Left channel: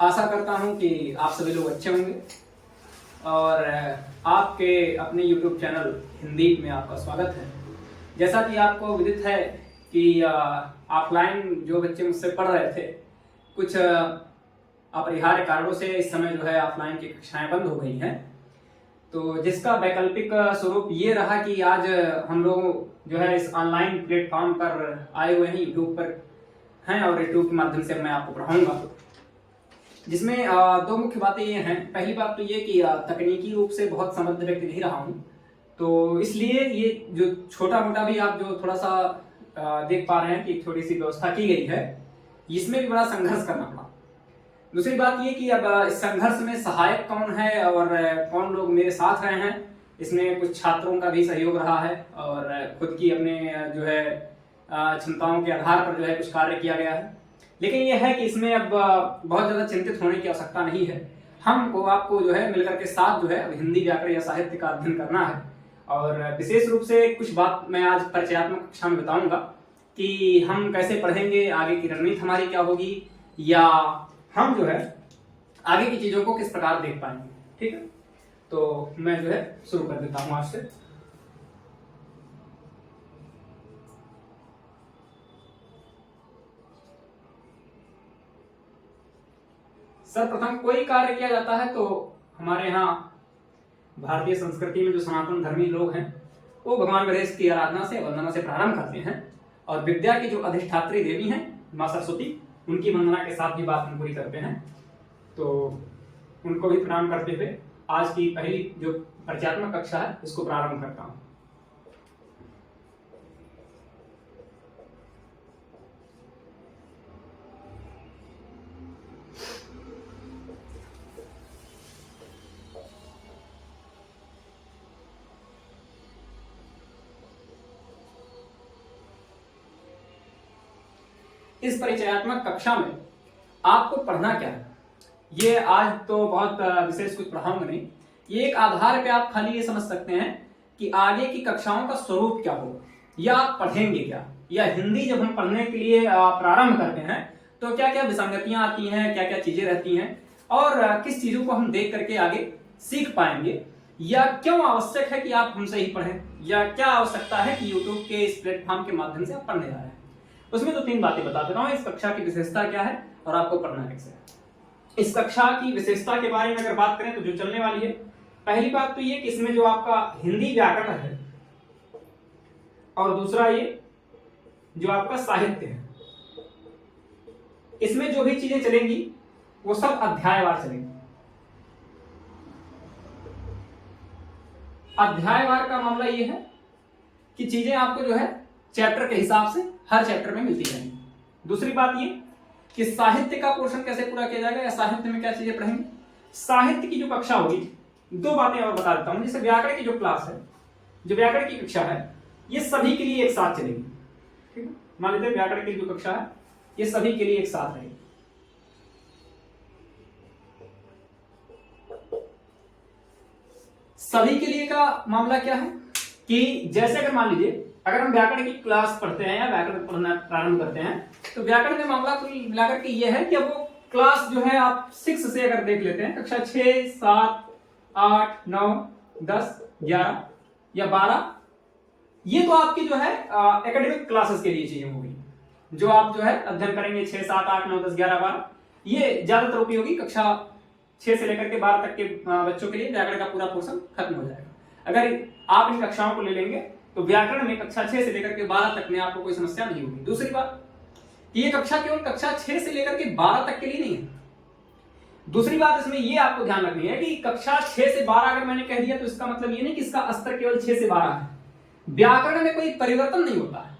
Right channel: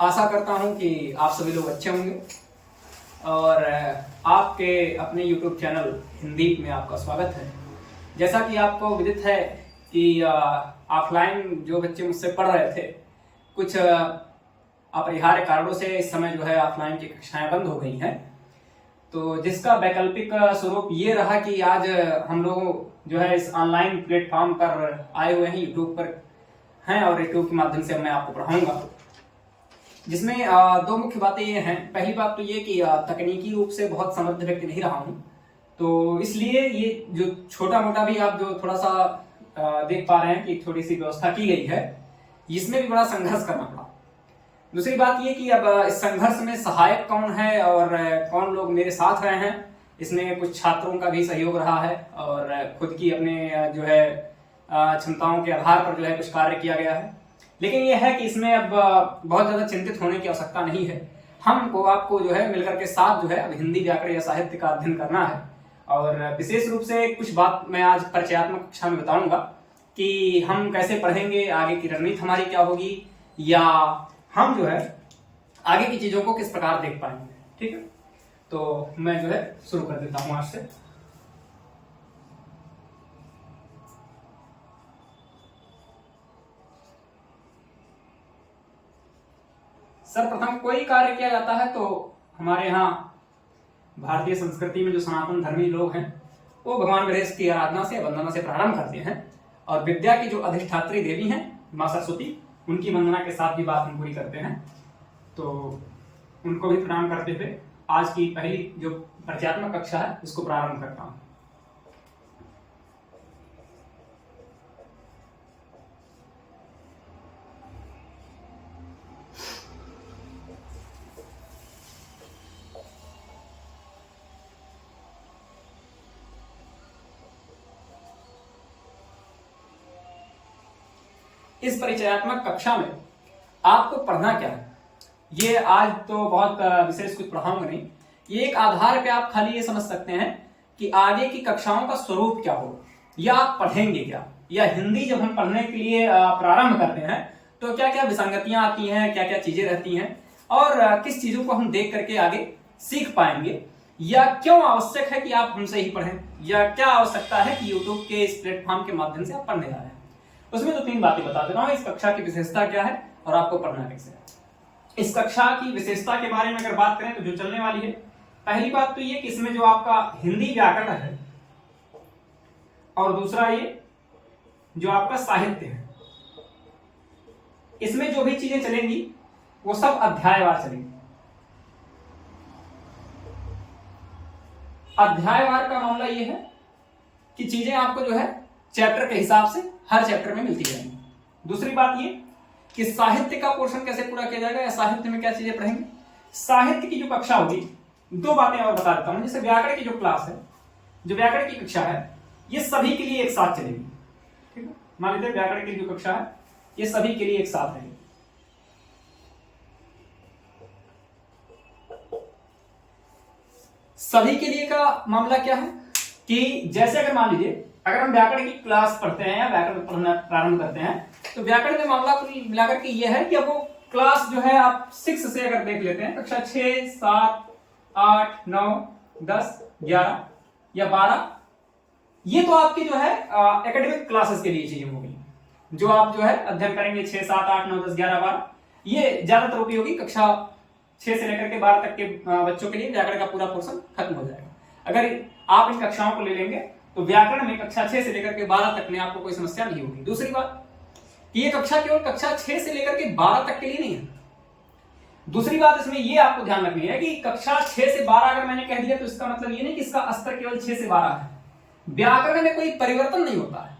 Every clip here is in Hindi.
आशा करता हूं कि आप सभी लोग अच्छे होंगे और आपके अपने YouTube चैनल हिंदी में आपका स्वागत है। जैसा कि आपको विदित है कि ऑफलाइन जो बच्चे मुझसे पढ़ रहे थे, कुछ अपरिहार्य कारणों से इस समय जो है ऑफलाइन की कक्षाएं बंद हो गई हैं। तो जिसका वैकल्पिक स्वरूप ये रहा कि आज हम लोग जो है इस ऑनलाइन प्लेटफॉर्म पर आए हुए हैं, यूट्यूब पर हैं और यूट्यूब के माध्यम से मैं आपको पढ़ाऊंगा, जिसमें दो मुख्य बातें ये हैं। पहली बात तो ये कि तकनीकी रूप से बहुत समृद्ध व्यक्ति नहीं रहा हूं, तो इसलिए ये जो छोटा मोटा भी आप जो थोड़ा सा देख पा रहे हैं कि थोड़ी सी व्यवस्था की गई है, इसमें भी बड़ा संघर्ष करना पड़ा। दूसरी बात ये कि अब इस संघर्ष में सहायक कौन है और कौन लोग मेरे साथ रहे हैं, इसमें कुछ छात्रों का भी सहयोग रहा है और खुद की अपने जो है क्षमताओं के आधार पर जो है कुछ कार्य किया गया है। लेकिन यह है कि इसमें अब बहुत ज्यादा चिंतित होने की आवश्यकता नहीं है। हमको आपको जो है मिलकर के साथ जो है अब हिंदी व्याकरण या साहित्य का अध्ययन करना है और विशेष रूप से कुछ बात मैं आज परिचयात्मक कक्षा में बताऊंगा कि हम कैसे पढ़ेंगे, आगे की रणनीति हमारी क्या होगी, या हम जो है आगे की चीजों को किस प्रकार देख पाएंगे। ठीक है, तो मैं जो है शुरू कर देता हूं आज से। सर्वप्रथम कोई कार्य किया जाता है तो हमारे यहाँ भारतीय संस्कृति में जो सनातन धर्मी लोग हैं वो भगवान गणेश की आराधना से, वंदना से प्रारंभ करते हैं और विद्या की जो अधिष्ठात्री देवी हैं मां सरस्वती, उनकी वंदना के साथ भी बात हम पूरी करते हैं। तो उनको भी प्रणाम करते हुए आज की पहली जो परिचयात्मक कक्षा है इसको प्रारंभ करता हूं। इस परिचयात्मक कक्षा में आपको पढ़ना क्या है, ये आज तो बहुत विशेष कुछ पढ़ाऊंगा नहीं। ये एक आधार पे आप खाली ये समझ सकते हैं कि आगे की कक्षाओं का स्वरूप क्या होगा या आप पढ़ेंगे क्या, या हिंदी जब हम पढ़ने के लिए प्रारंभ करते हैं तो क्या क्या विसंगतियां आती हैं, क्या क्या चीजें रहती हैं और किस चीजों को हम देख करके आगे सीख पाएंगे, या क्यों आवश्यक है कि आप हमसे ही पढ़ें, या क्या आवश्यकता है कि यूट्यूब के इस प्लेटफॉर्म के माध्यम से आप पढ़ने जा रहे हैं। उसमें तो तीन बातें बता दे रहा हूं, इस कक्षा की विशेषता क्या है और आपको पढ़ना कैसे है। इस कक्षा की विशेषता के बारे में अगर बात करें तो जो चलने वाली है, पहली बात तो ये कि इसमें जो आपका हिंदी व्याकरण है और दूसरा ये जो आपका साहित्य है, इसमें जो भी चीजें चलेंगी वो सब अध्यायवार चलेंगी। अध्यायवार का मामला ये है कि चीजें आपको जो है चैप्टर के हिसाब से हर चैप्टर में मिलती रहेंगी। दूसरी बात ये कि साहित्य का पोर्शन कैसे पूरा किया जाएगा या साहित्य में क्या चीजें पढ़ेंगे। साहित्य की जो कक्षा होगी, दो बातें और बता देता हूं। जैसे व्याकरण की जो क्लास है, जो व्याकरण की कक्षा है, ये सभी के लिए एक साथ चलेगी। ठीक है, मान लेते हैं व्याकरण की जो कक्षा है ये सभी के लिए एक साथ रहेगी। सभी के लिए का मामला क्या है कि जैसे अगर मान लीजिए अगर हम व्याकरण की क्लास पढ़ते हैं या व्याकरण पढ़ना प्रारंभ करते हैं तो व्याकरण में मामला कुल मिलाकर के ये है कि अब वो क्लास जो है आप 6 से अगर देख लेते हैं, कक्षा 6, 7, 8, 9, 10, 11 या 12, ये तो आपकी जो है एकेडमिक क्लासेस के लिए चीजें हो गई, जो आप जो है अध्ययन करेंगे 6, 7, 8, 9, 10, 11, 12। ये ज्यादातर उपयोगी कक्षा 6 से लेकर के 12 तक के बच्चों के लिए व्याकरण का पूरा पोर्शन खत्म हो जाएगा। अगर आप इन कक्षाओं को ले लेंगे तो व्याकरण में कक्षा 6 से लेकर के 12 तक में आपको कोई समस्या नहीं होगी। दूसरी बात, ये कक्षा केवल कक्षा 6 से लेकर के 12 तक के लिए नहीं है। दूसरी बात इसमें ये आपको ध्यान रखनी है कि कक्षा 6 से 12 अगर मैंने कह दिया तो इसका मतलब ये नहीं कि इसका स्तर केवल 6 से 12 है। व्याकरण में कोई परिवर्तन नहीं होता है।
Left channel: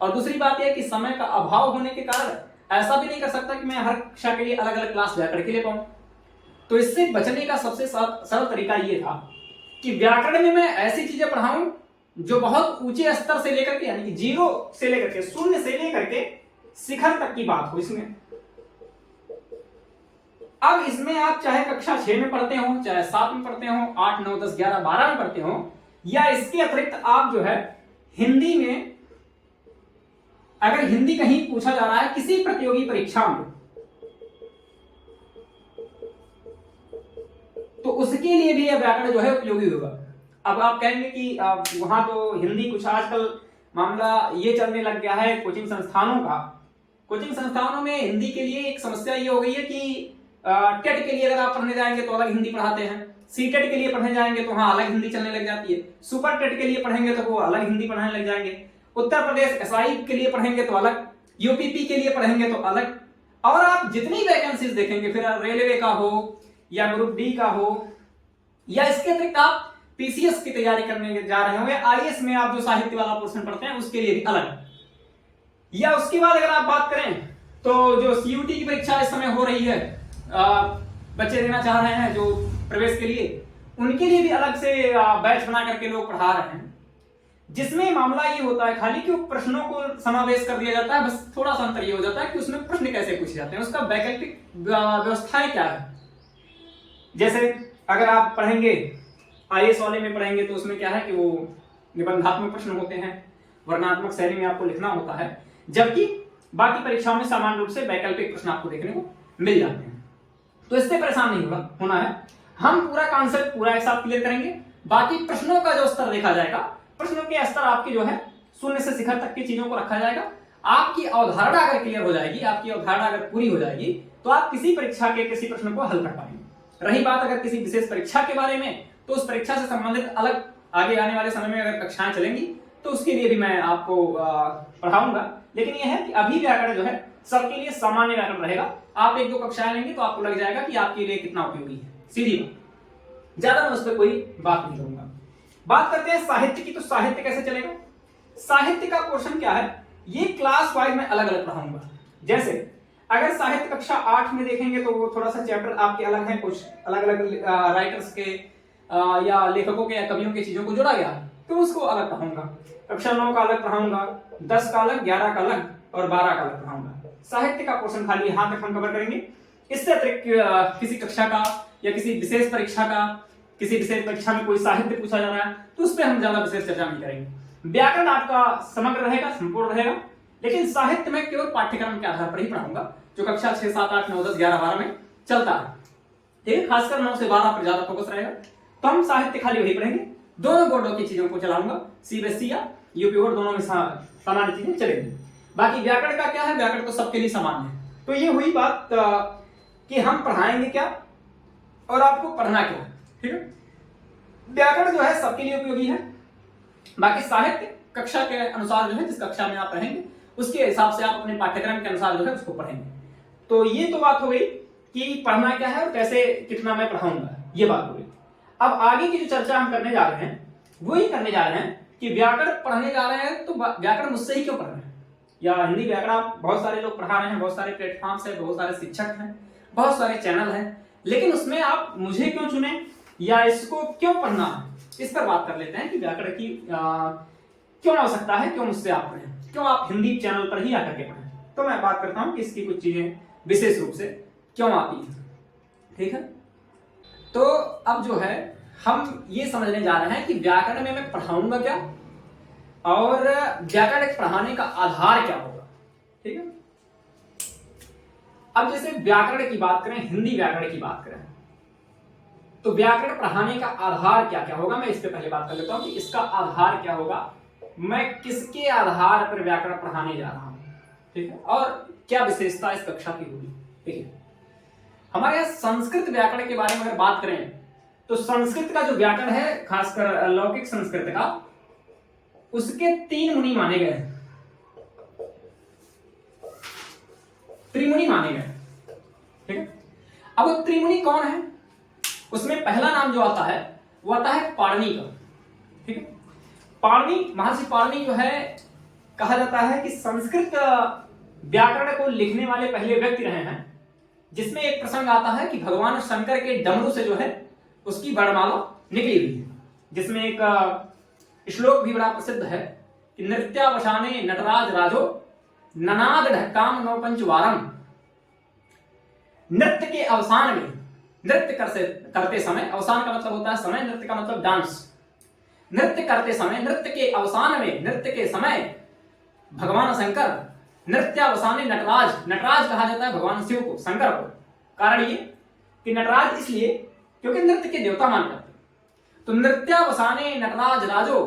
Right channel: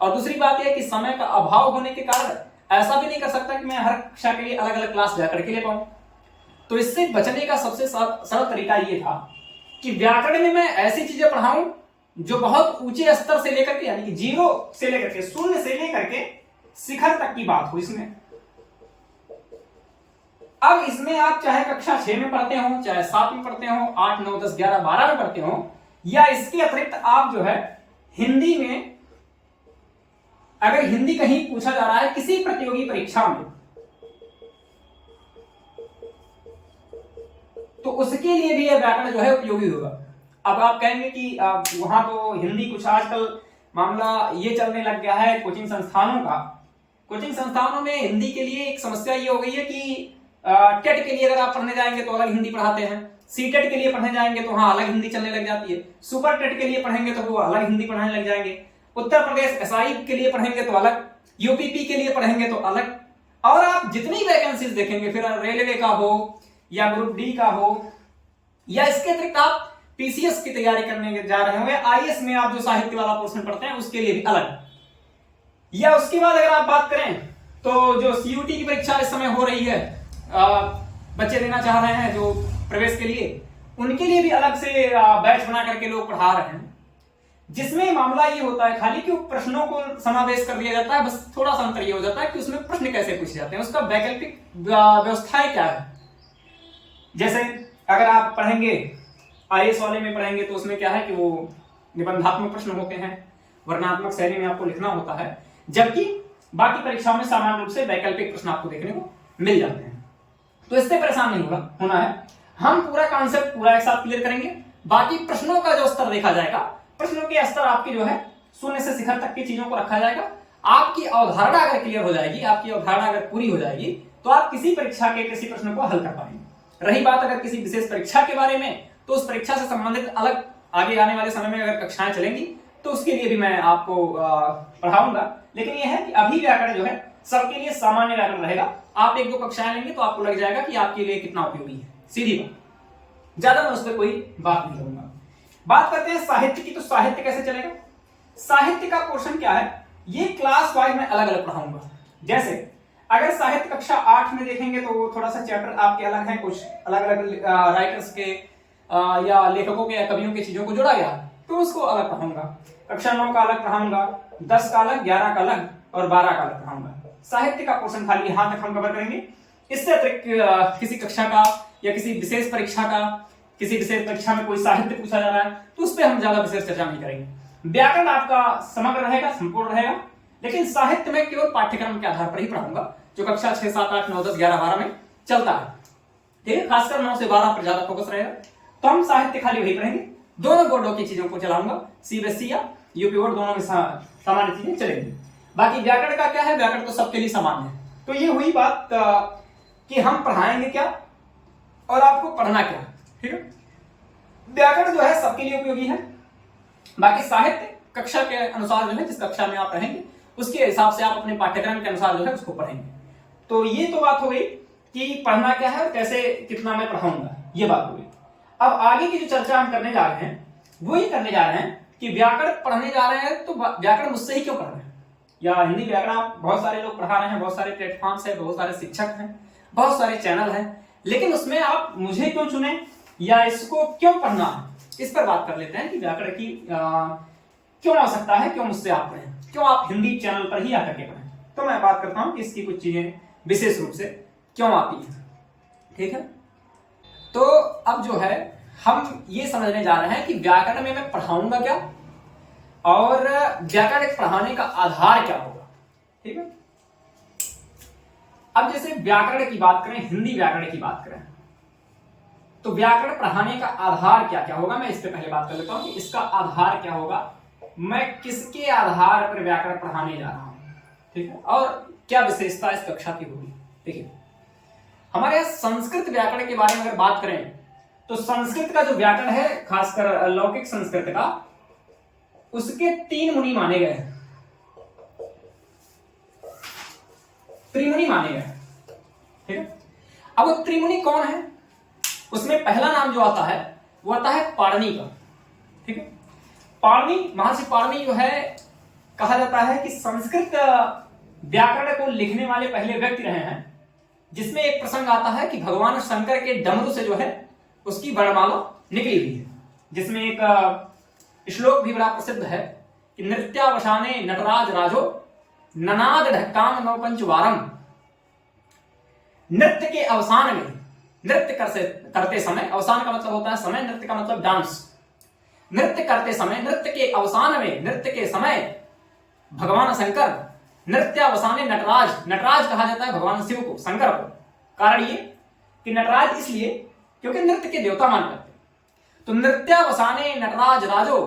और दूसरी बात यह कि समय का अभाव होने के कारण ऐसा भी नहीं कर सकता कि मैं हर कक्षा के लिए अलग अलग क्लास व्याकरण के लिए पाऊं। तो इससे बचने का सबसे सरल तरीका ये था कि व्याकरण में मैं ऐसी चीजें पढ़ाऊं जो बहुत ऊंचे स्तर से लेकर के, यानी कि 0 से लेकर के 0 से लेकर के शिखर तक की बात हो इसमें। अब इसमें आप चाहे कक्षा 6 में पढ़ते हो, चाहे 7 में पढ़ते हो, 8, 9, 10, 11, 12 में पढ़ते हो, या इसके अतिरिक्त आप जो है हिंदी में, अगर हिंदी कहीं पूछा जा रहा है किसी प्रतियोगी परीक्षा में, उसके लिए भी यह व्याकरण जो है उपयोगी होगा। अब आप कहेंगे कि वहां तो हिंदी कुछ आजकल मामला ये चलने लग गया है कोचिंग संस्थानों का। कोचिंग संस्थानों में हिंदी के लिए एक समस्या ये हो गई है कि टेट के लिए अगर आप पढ़ने जाएंगे तो अलग हिंदी पढ़ाते हैं, सी टेट के लिए पढ़ने जाएंगे तो वहां अलग हिंदी चलने लग जाती है, सुपर टेट के लिए पढ़ेंगे तो वो अलग हिंदी पढ़ाने लग जाएंगे, उत्तर प्रदेश एसआई के लिए पढ़ेंगे तो अलग, यूपीपी के लिए पढ़ेंगे तो अलग। और आप जितनी वैकेंसीज देखेंगे, फिर रेलवे का हो या ग्रुप डी का हो, या इसके अतिरिक्त आप पीसीएस की तैयारी करने जा रहे होंगे, आईएएस में आप जो साहित्य वाला पोर्शन पढ़ते हैं उसके लिए भी अलग। या उसके बाद अगर आप बात करें तो जो सीयूटी की परीक्षा इस समय हो रही है, बच्चे देना चाह रहे हैं जो प्रवेश के लिए, उनके लिए भी अलग से बैच बना करके लोग पढ़ा रहे हैं, जिसमें मामला ये होता है खाली कि प्रश्नों को समावेश कर दिया जाता है। बस थोड़ा सा अंतर ये हो जाता है कि उसमें प्रश्न कैसे पूछे जाते हैं, उसका वैकल्पिक व्यवस्थाएं क्या है। जैसे अगर आप पढ़ेंगे आईएएस वाले में पढ़ेंगे तो उसमें क्या है कि वो निबंधात्मक प्रश्न होते हैं, वर्णनात्मक शैली में आपको लिखना होता है, जबकि बाकी परीक्षाओं में सामान्य रूप से वैकल्पिक प्रश्न आपको देखने को मिल जाते हैं। तो इससे परेशान नहीं होना है, हम पूरा कॉन्सेप्ट पूरा एक साथ क्लियर करेंगे। बाकी प्रश्नों का जो स्तर देखा जाएगा, प्रश्नों के स्तर आपकी जो है शून्य से शिखर तक की चीजों को रखा जाएगा। आपकी अवधारणा अगर क्लियर हो जाएगी, आपकी अवधारणा अगर पूरी हो जाएगी, तो आप किसी परीक्षा के किसी प्रश्न को हल कर पाएंगे। रही बात अगर किसी विशेष परीक्षा के बारे में, तो उस परीक्षा से संबंधित अलग आगे आने वाले समय में अगर कक्षाएं चलेंगी तो उसके लिए भी मैं आपको पढ़ाऊंगा। लेकिन यह है कि अभी व्याकरण जो है सबके लिए सामान्य व्याकरण रहेगा। आप एक दो कक्षाएं लेंगे तो आपको लग जाएगा कि आपके लिए कितना उपयोगी है, सीधी बात। ज्यादा मैं उस पर कोई बात नहीं करूंगा। बात करते हैं साहित्य की, तो साहित्य कैसे चलेगा। साहित्य का पोर्शन क्या है, ये क्लास वाइज में अलग अलग पढ़ाऊंगा। जैसे अगर साहित्य कक्षा 8 में देखेंगे तो वो थोड़ा सा चैप्टर आपके अलग है, कुछ अलग अलग राइटर्स के या लेखकों के या कवियों की चीजों को जोड़ा गया, तो उसको अलग पढ़ाऊंगा। कक्षा 9 का अलग पढ़ाऊंगा, 10 का अलग, 11 का अलग और 12 का अलग पढ़ाऊंगा। साहित्य का पोर्शन खाली यहां तक हम कवर करेंगे। इससे अतिरिक्त किसी कक्षा का या किसी विशेष परीक्षा का, किसी विशेष परीक्षा में कोई साहित्य पूछा जा रहा है तो उस पर हम ज्यादा विशेष चर्चा नहीं करेंगे। व्याकरण आपका समग्र रहेगा, संपूर्ण रहेगा, लेकिन साहित्य में केवल पाठ्यक्रम के आधार पर ही पढ़ाऊंगा, जो कक्षा 6, 7, 8, 9, 10, 11, 12 में चलता है। ठीक है, खासकर 9 से 12 पर ज्यादा फोकस रहेगा। तो हम साहित्य खाली वही पढ़ेंगे। दोनों बोर्डों की चीजों को चलाऊंगा, सीबीएसई या यूपी बोर्ड, दोनों में सामान्य चीजें चलेंगी। बाकी व्याकरण का क्या है, व्याकरण तो सबके लिए समान है। तो ये हुई बात कि हम पढ़ाएंगे क्या और आपको पढ़ना क्या। ठीक है, व्याकरण जो है सबके लिए उपयोगी है। बाकी साहित्य कक्षा के अनुसार जो है, जिस कक्षा में आप रहेंगे उसके हिसाब से आप अपने पाठ्यक्रम के अनुसार जो है उसको पढ़ेंगे। तो ये तो बात हो गई कि पढ़ना क्या है और कैसे कितना मैं पढ़ाऊंगा, ये बात हो गई। अब आगे की जो चर्चा हम करने जा रहे हैं वो ही करने जा रहे हैं कि व्याकरण पढ़ने जा रहे हैं तो व्याकरण मुझसे ही क्यों पढ़ रहे हैं, या हिंदी व्याकरण आप बहुत सारे लोग पढ़ा रहे हैं, बहुत सारे प्लेटफॉर्म्स है, बहुत सारे शिक्षक हैं, बहुत सारे चैनल हैं, लेकिन उसमें आप मुझे क्यों चुने या इसको क्यों पढ़ना है, इस पर बात कर लेते हैं कि व्याकरण की क्यों आवश्यकता है, क्यों मुझसे आप पढ़ें, क्यों आप हिंदी चैनल पर ही आकर के पढ़ें। तो मैं बात करता हूं कि इसकी कुछ चीजें विशेष रूप से क्यों आती है। ठीक है, तो अब जो है हम ये समझने जा रहे हैं कि व्याकरण में मैं पढ़ाऊंगा क्या और व्याकरण पढ़ाने का आधार क्या होगा। ठीक है, अब जैसे व्याकरण की बात करें, हिंदी व्याकरण की बात करें, तो व्याकरण पढ़ाने का आधार क्या क्या होगा, मैं इससे पहले बात कर लेता हूं कि इसका आधार क्या होगा, मैं किसके आधार पर व्याकरण पढ़ाने जा रहा हूं। ठीक है, और क्या विशेषता इस कक्षा की होगी। देखिए, हमारे यहाँ संस्कृत व्याकरण के बारे में अगर बात करें तो संस्कृत का जो व्याकरण है, खासकर लौकिक संस्कृत का, उसके 3 मुनि माने गए, त्रिमुनि माने गए। ठीक है, अब वो त्रिमुनि कौन है, उसमें पहला नाम जो आता है वो आता है पाणिनि का। ठीक है, पाणिनि, महर्षि पाणिनि जो है, कहा जाता है कि संस्कृत व्याकरण को लिखने वाले पहले व्यक्ति रहे हैं, जिसमें एक प्रसंग आता है कि भगवान शंकर के डमरू से जो है उसकी वर्णमाला निकली हुई है, जिसमें एक श्लोक भी बड़ा प्रसिद्ध है कि नृत्यावसाने नटराज राजो ननाद ढक्काम नौपंच वारम। नृत्य के अवसान में, नृत्य करते समय, अवसान का मतलब होता है समय, नृत्य का मतलब डांस, नृत्य करते समय, नृत्य के अवसान में, नृत्य के समय भगवान शंकर नृत्यावसाने नटराज, नटराज कहा जाता है भगवान शिव को, शंकर को। कारण ये कि नटराज इसलिए क्योंकि नृत्य के देवता माने जाते हैं। तो नृत्यावसाने नटराज राजो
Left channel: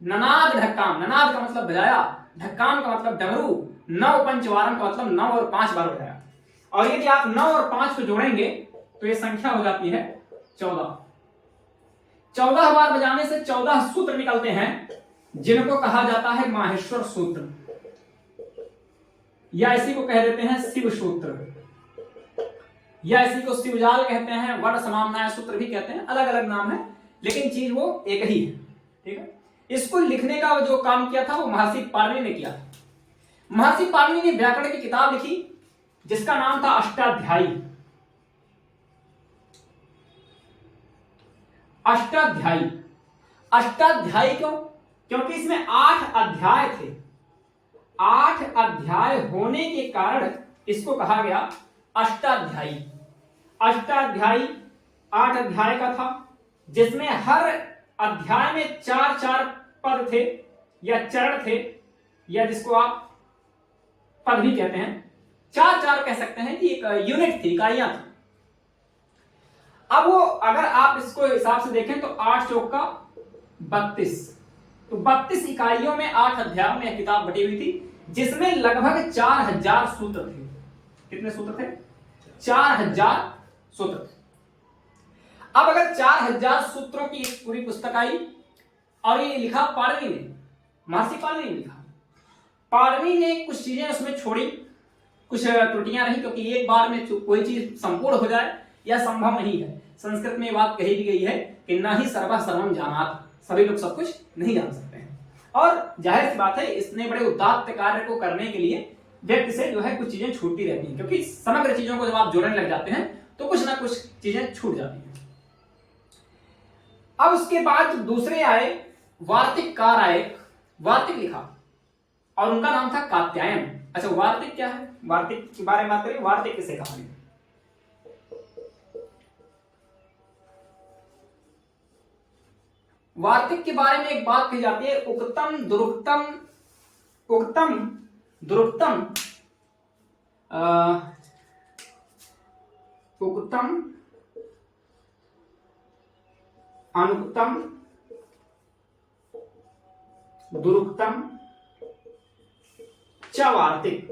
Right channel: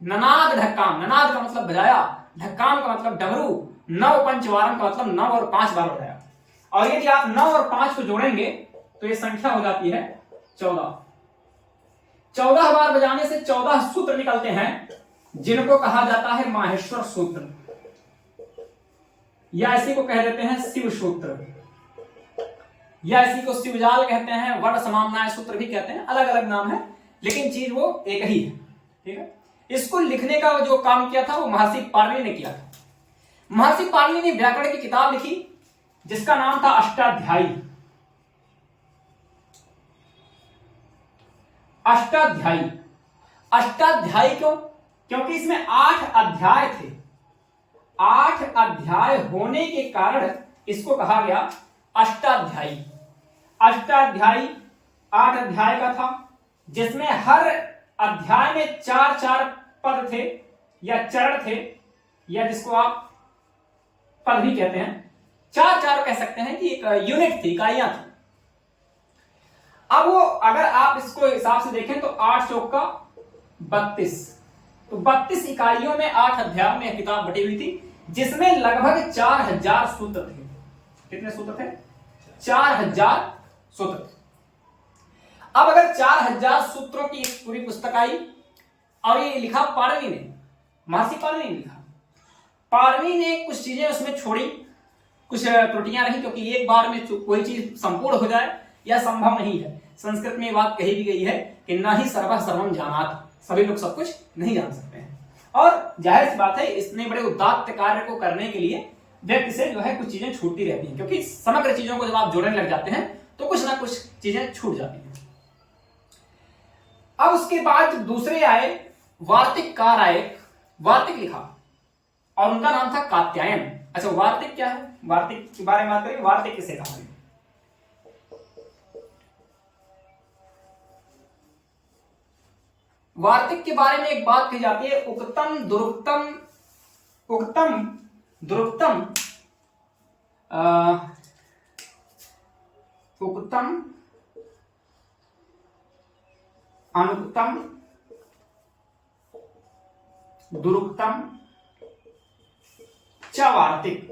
ननाद ढक्काम, ननाद का मतलब बजाया, ढक्काम का मतलब डमरू, नव पंचवारम का मतलब 9 और 5 बार बजाया। और यदि आप 9 और 5 को जोड़ेंगे तो ये संख्या हो जाती है 14। 14 बार बजाने से 14 सूत्र निकलते हैं, जिनको कहा जाता है माहेश्वर सूत्र, या इसी को कह देते हैं शिव सूत्र, या इसी को शिवजाल कहते हैं, वट समामनाय सूत्र भी कहते हैं, अलग अलग नाम है, लेकिन चीज वो एक ही है। ठीक है, इसको लिखने का जो काम किया था वो महर्षि पाणिनि ने किया था। महर्षि पाणिनि ने व्याकरण की किताब लिखी जिसका नाम था अष्टाध्यायी। अष्टाध्यायी, अष्टाध्यायी क्यों? क्योंकि इसमें 8 अध्याय थे। 8 अध्याय होने के कारण इसको कहा गया अष्टाध्यायी। अष्टाध्यायी 8 अध्याय का था, जिसमें हर अध्याय में 4-4 पद थे या चरण थे, या जिसको आप पद भी कहते हैं, 4-4 कह सकते हैं कि एक यूनिट थी, इकाइयां थी। अब वो अगर आप इसको हिसाब से देखें तो 8 चौक का 32, तो 32 इकाइयों में 8 अध्यायों में किताब बटी हुई थी, जिसमें लगभग 4000 सूत्र थे। कितने सूत्र थे? 4000 सूत्र। अब अगर 4000 सूत्रों की पूरी पुस्तक आई और ये लिखा पाणिनि ने, महर्षि पाणिनि ने लिखा, पाणिनि ने कुछ चीजें उसमें छोड़ी, कुछ त्रुटियां रही, क्योंकि एक बार में कोई चीज संपूर्ण हो जाए यह संभव नहीं है। संस्कृत में बात कही भी गई है कि ना ही सर्वः सर्वम जानात, सभी लोग सब कुछ नहीं जान सकते हैं। और जाहिर सी बात है, इतने बड़े उदात्त कार्य को करने के लिए व्यक्ति से जो है कुछ चीजें छूटती रहती हैं, क्योंकि समग्र चीजों को जब आप जोड़ने लग जाते हैं तो कुछ ना कुछ चीजें छूट जाती हैं। अब उसके बाद दूसरे आए वार्तिककार आए, वार्तिक लिखा और उनका नाम था कात्यायन। अच्छा, वार्तिक क्या है? वार्तिक के बारे में बात करें। वार्तिक किसे कहा है? वार्तिक के बारे में एक बात कही जाती है, उक्तम दुरुक्तम, उक्तम दुरुक्तम, उक्तम अनुक्तम दुरुक्तम च वार्तिक।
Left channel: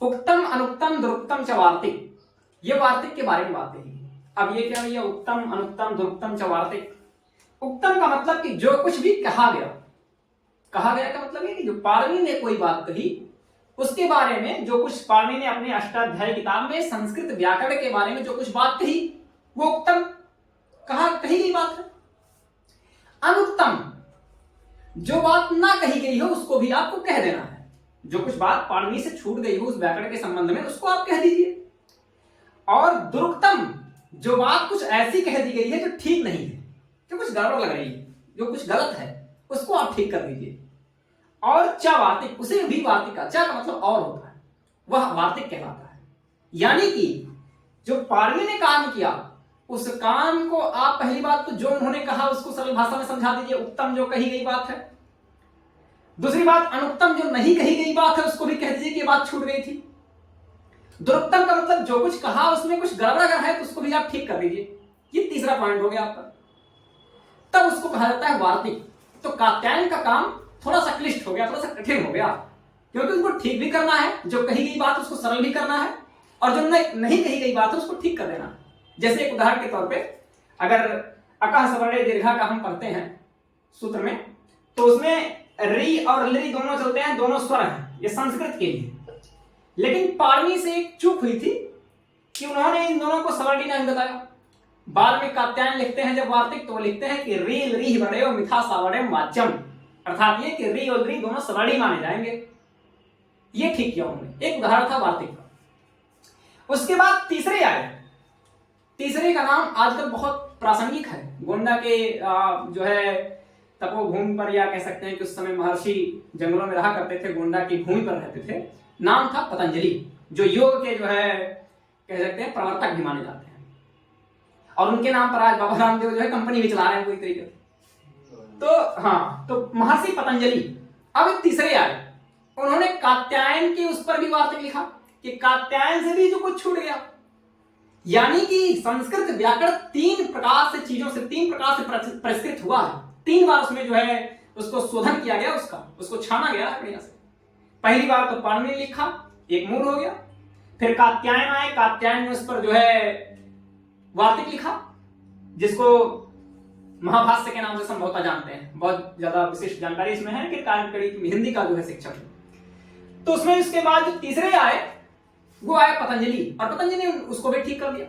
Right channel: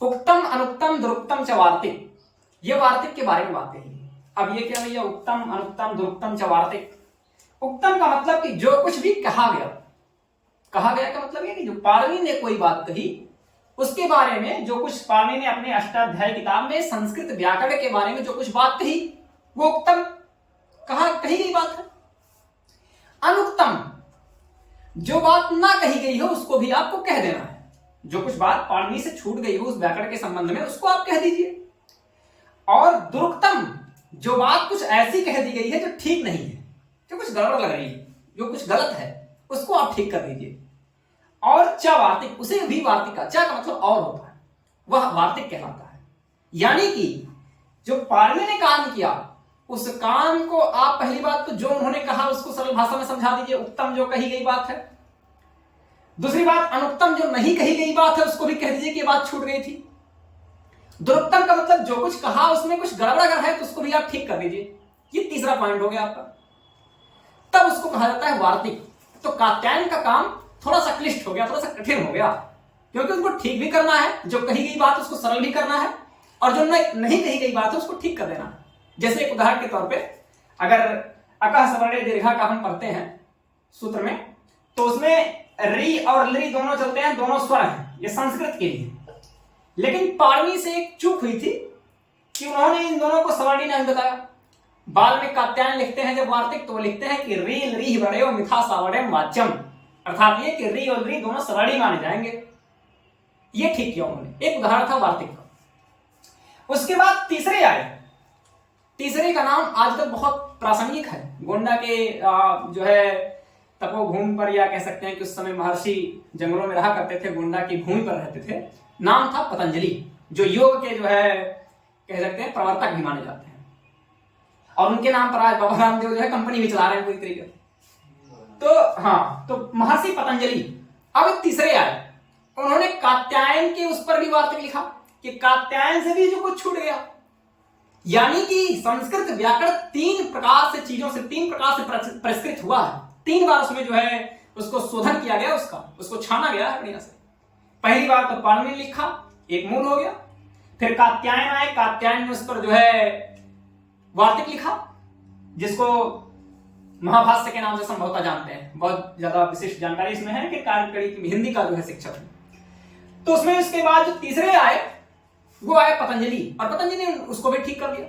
उक्तम अनुक्तम दुरुक्तम च वार्तिक, ये वार्तिक के बारे में बात कही। अब ये क्या है? उक्तम अनुक्तम दुरुक्तम च वार्तिक। उक्तम का मतलब कि जो कुछ भी कहा गया, कहा गया का मतलब है कि जो पाणिनि ने कोई बात कही उसके बारे में, जो कुछ पाणिनि ने अपने अष्टाध्यायी किताब में संस्कृत व्याकरण के बारे में जो कुछ बात कही वो उक्तम कही गई बात है। अनुक्तम, जो बात ना कही गई हो उसको भी आपको कह देना है। जो कुछ बात पाणिनि से छूट गई हो उस व्याकरण के संबंध में, उसको आप कह दीजिए। और दुरुक्तम, जो बात कुछ ऐसी कह दी गई है जो ठीक नहीं है, जो कुछ गड़बड़ लग रही है, जो कुछ गलत है, उसको आप ठीक कर दीजिए। और च वार्तिक, उसे भी वार्तिक का, च का मतलब और होता है, वह वार्तिक कहलाता है। यानी कि जो पाणिनि ने काम किया उस काम को आप, पहली बात तो जो उन्होंने कहा उसको सरल भाषा में समझा दीजिए, उत्तम जो कही गई बात है। दूसरी बात, अनुत्तम जो नहीं कही गई बात है उसको भी कह दीजिए कि बात छूट गई थी। दुरुत्तम का मतलब जो कुछ कहा उसमें कुछ गड़बड़ अगर है तो उसको भी आप ठीक कर दीजिए। ये तीसरा पॉइंट हो गया आपका, तब उसको कहा जाता है वार्तिक। तो कात्यायन का काम थोड़ा सा क्लिष्ट हो गया, थोड़ा सा कठिन हो गया, क्योंकि उसको ठीक भी करना है, जो कही गई बात उसको सरल भी करना है, और जो नहीं कही गई बात है उसको ठीक कर देना है। जैसे एक उदाहरण के तौर पे, अगर अकह सवर्णे दीर्घा का हम पढ़ते हैं सूत्र में, तो उसमें री और ली दोनों चलते हैं, दोनों स्वर हैं, ये संस्कृत के लिए। लेकिन पाणिनि से एक चूक हुई थी कि उन्होंने इन दोनों को सवर्णी नहीं बताया। बाद में कात्यायन लिखते हैं जब वार्तिक, तो वो लिखते हैं कि री री वड़यो मिथा सावर्ण्यम वाच्यम, अर्थात ये कि री और री दोनों सवर्णी माने जाएंगे। ये ठीक किया उन्होंने, एक उदाहरण था वार्तिक का। उसके बाद तीसरे आए, तीसरे का नाम आज तक बहुत प्रासंगिक है। गोंडा के जो है तपोभूमि पर, या कह सकते हैं कि उस समय महर्षि जंगलों में रहा करते थे, गोंडा की भूमि पर रहते थे। नाम था पतंजलि, जो योग के जो है कह सकते हैं प्रवर्तक भी माने जाते हैं, और उनके नाम पर आज बाबा रामदेव जो है कंपनी भी चला रहे हैं पूरी तरीके से। तो हाँ, तो महर्षि पतंजलि। अब तीसरे आए, उन्होंने कात्यायन के उस पर भी वार्तिक लिखा, कि कात्यायन से भी जो कुछ छूट गया। यानी कि संस्कृत व्याकरण तीन प्रकार से परिष्कृत हुआ है। 3 बार उसमें जो है उसको शोधन किया गया, उसको छाना गया है बढ़िया से। पहली बार तो पाणिनि लिखा, एक मूल हो गया। फिर कात्यायन आए, कात्यायन ने उस पर जो है वार्तिक लिखा, जिसको महाभाष्य के नाम से संभवतः जानते हैं। बहुत ज्यादा विशिष्ट जानकारी इसमें है कि हिंदी का जो है शिक्षक है। तो उसमें इसके बाद जो तीसरे आए वो आए पतंजलि, और पतंजलि ने उसको भी ठीक कर दिया।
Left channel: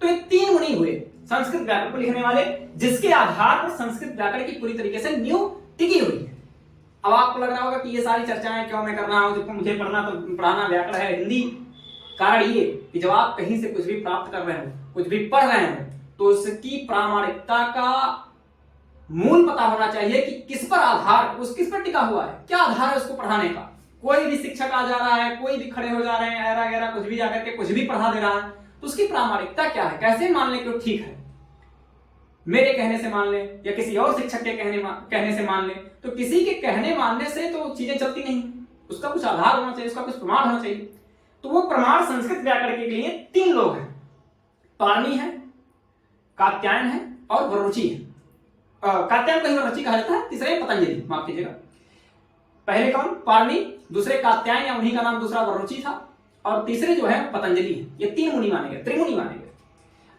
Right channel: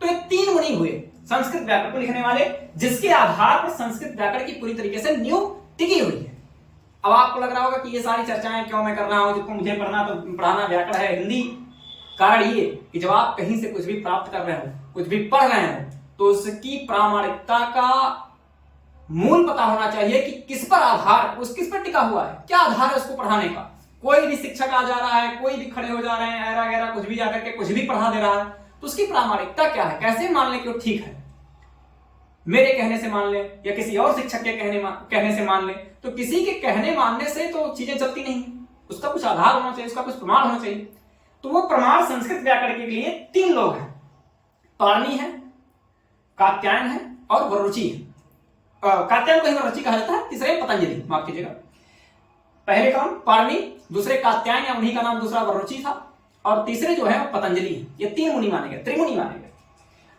तो ये 3 मुनि हुए संस्कृत व्याकरण को लिखने वाले, जिसके आधार पर संस्कृत व्याकरण की पूरी तरीके से नींव टिकी हुई है। अब आपको लग रहा होगा कि ये सारी चर्चाएं क्यों मैं कर रहा हूं, जबकि मुझे पढ़ाना व्याकरण है, हिंदी। कारण ये कि जब आप कहीं से कुछ भी प्राप्त कर रहे हो, कुछ भी पढ़ रहे हो, तो उसकी प्रामाणिकता का मूल पता होना चाहिए कि किस पर आधार, किस पर टिका हुआ है, क्या आधार है उसको पढ़ाने का। कोई भी शिक्षक आ जा रहा है, कोई भी खड़े हो जा रहे हैं, ऐरा गैरा कुछ भी आकर के कुछ भी पढ़ा दे रहा है, तो उसकी प्रामाणिकता क्या है, कैसे मान लें कि वो ठीक है। मेरे कहने से मान ले या किसी और शिक्षक के कहने से मान ले, तो किसी के कहने मानने से तो चीजें चलती नहीं, उसका कुछ आधार होना चाहिए, उसका कुछ प्रमाण होना चाहिए। तो वो प्रमाण संस्कृत व्याकरण के लिए 3 लोग हैं, पाणिनि है, कात्यायन है और वरुचि है। कात्यायन को ही वरुचि कहा जाता है, तीसरे पतंजलि, माफ कीजिएगा। पहले कौन? पाणिनि, दूसरे कात्यायन या उन्हीं का नाम दूसरा वरुचि था, और तीसरे जो है पतंजलि। ये 3 मुनि माने गए, त्रिमुनि माने गए।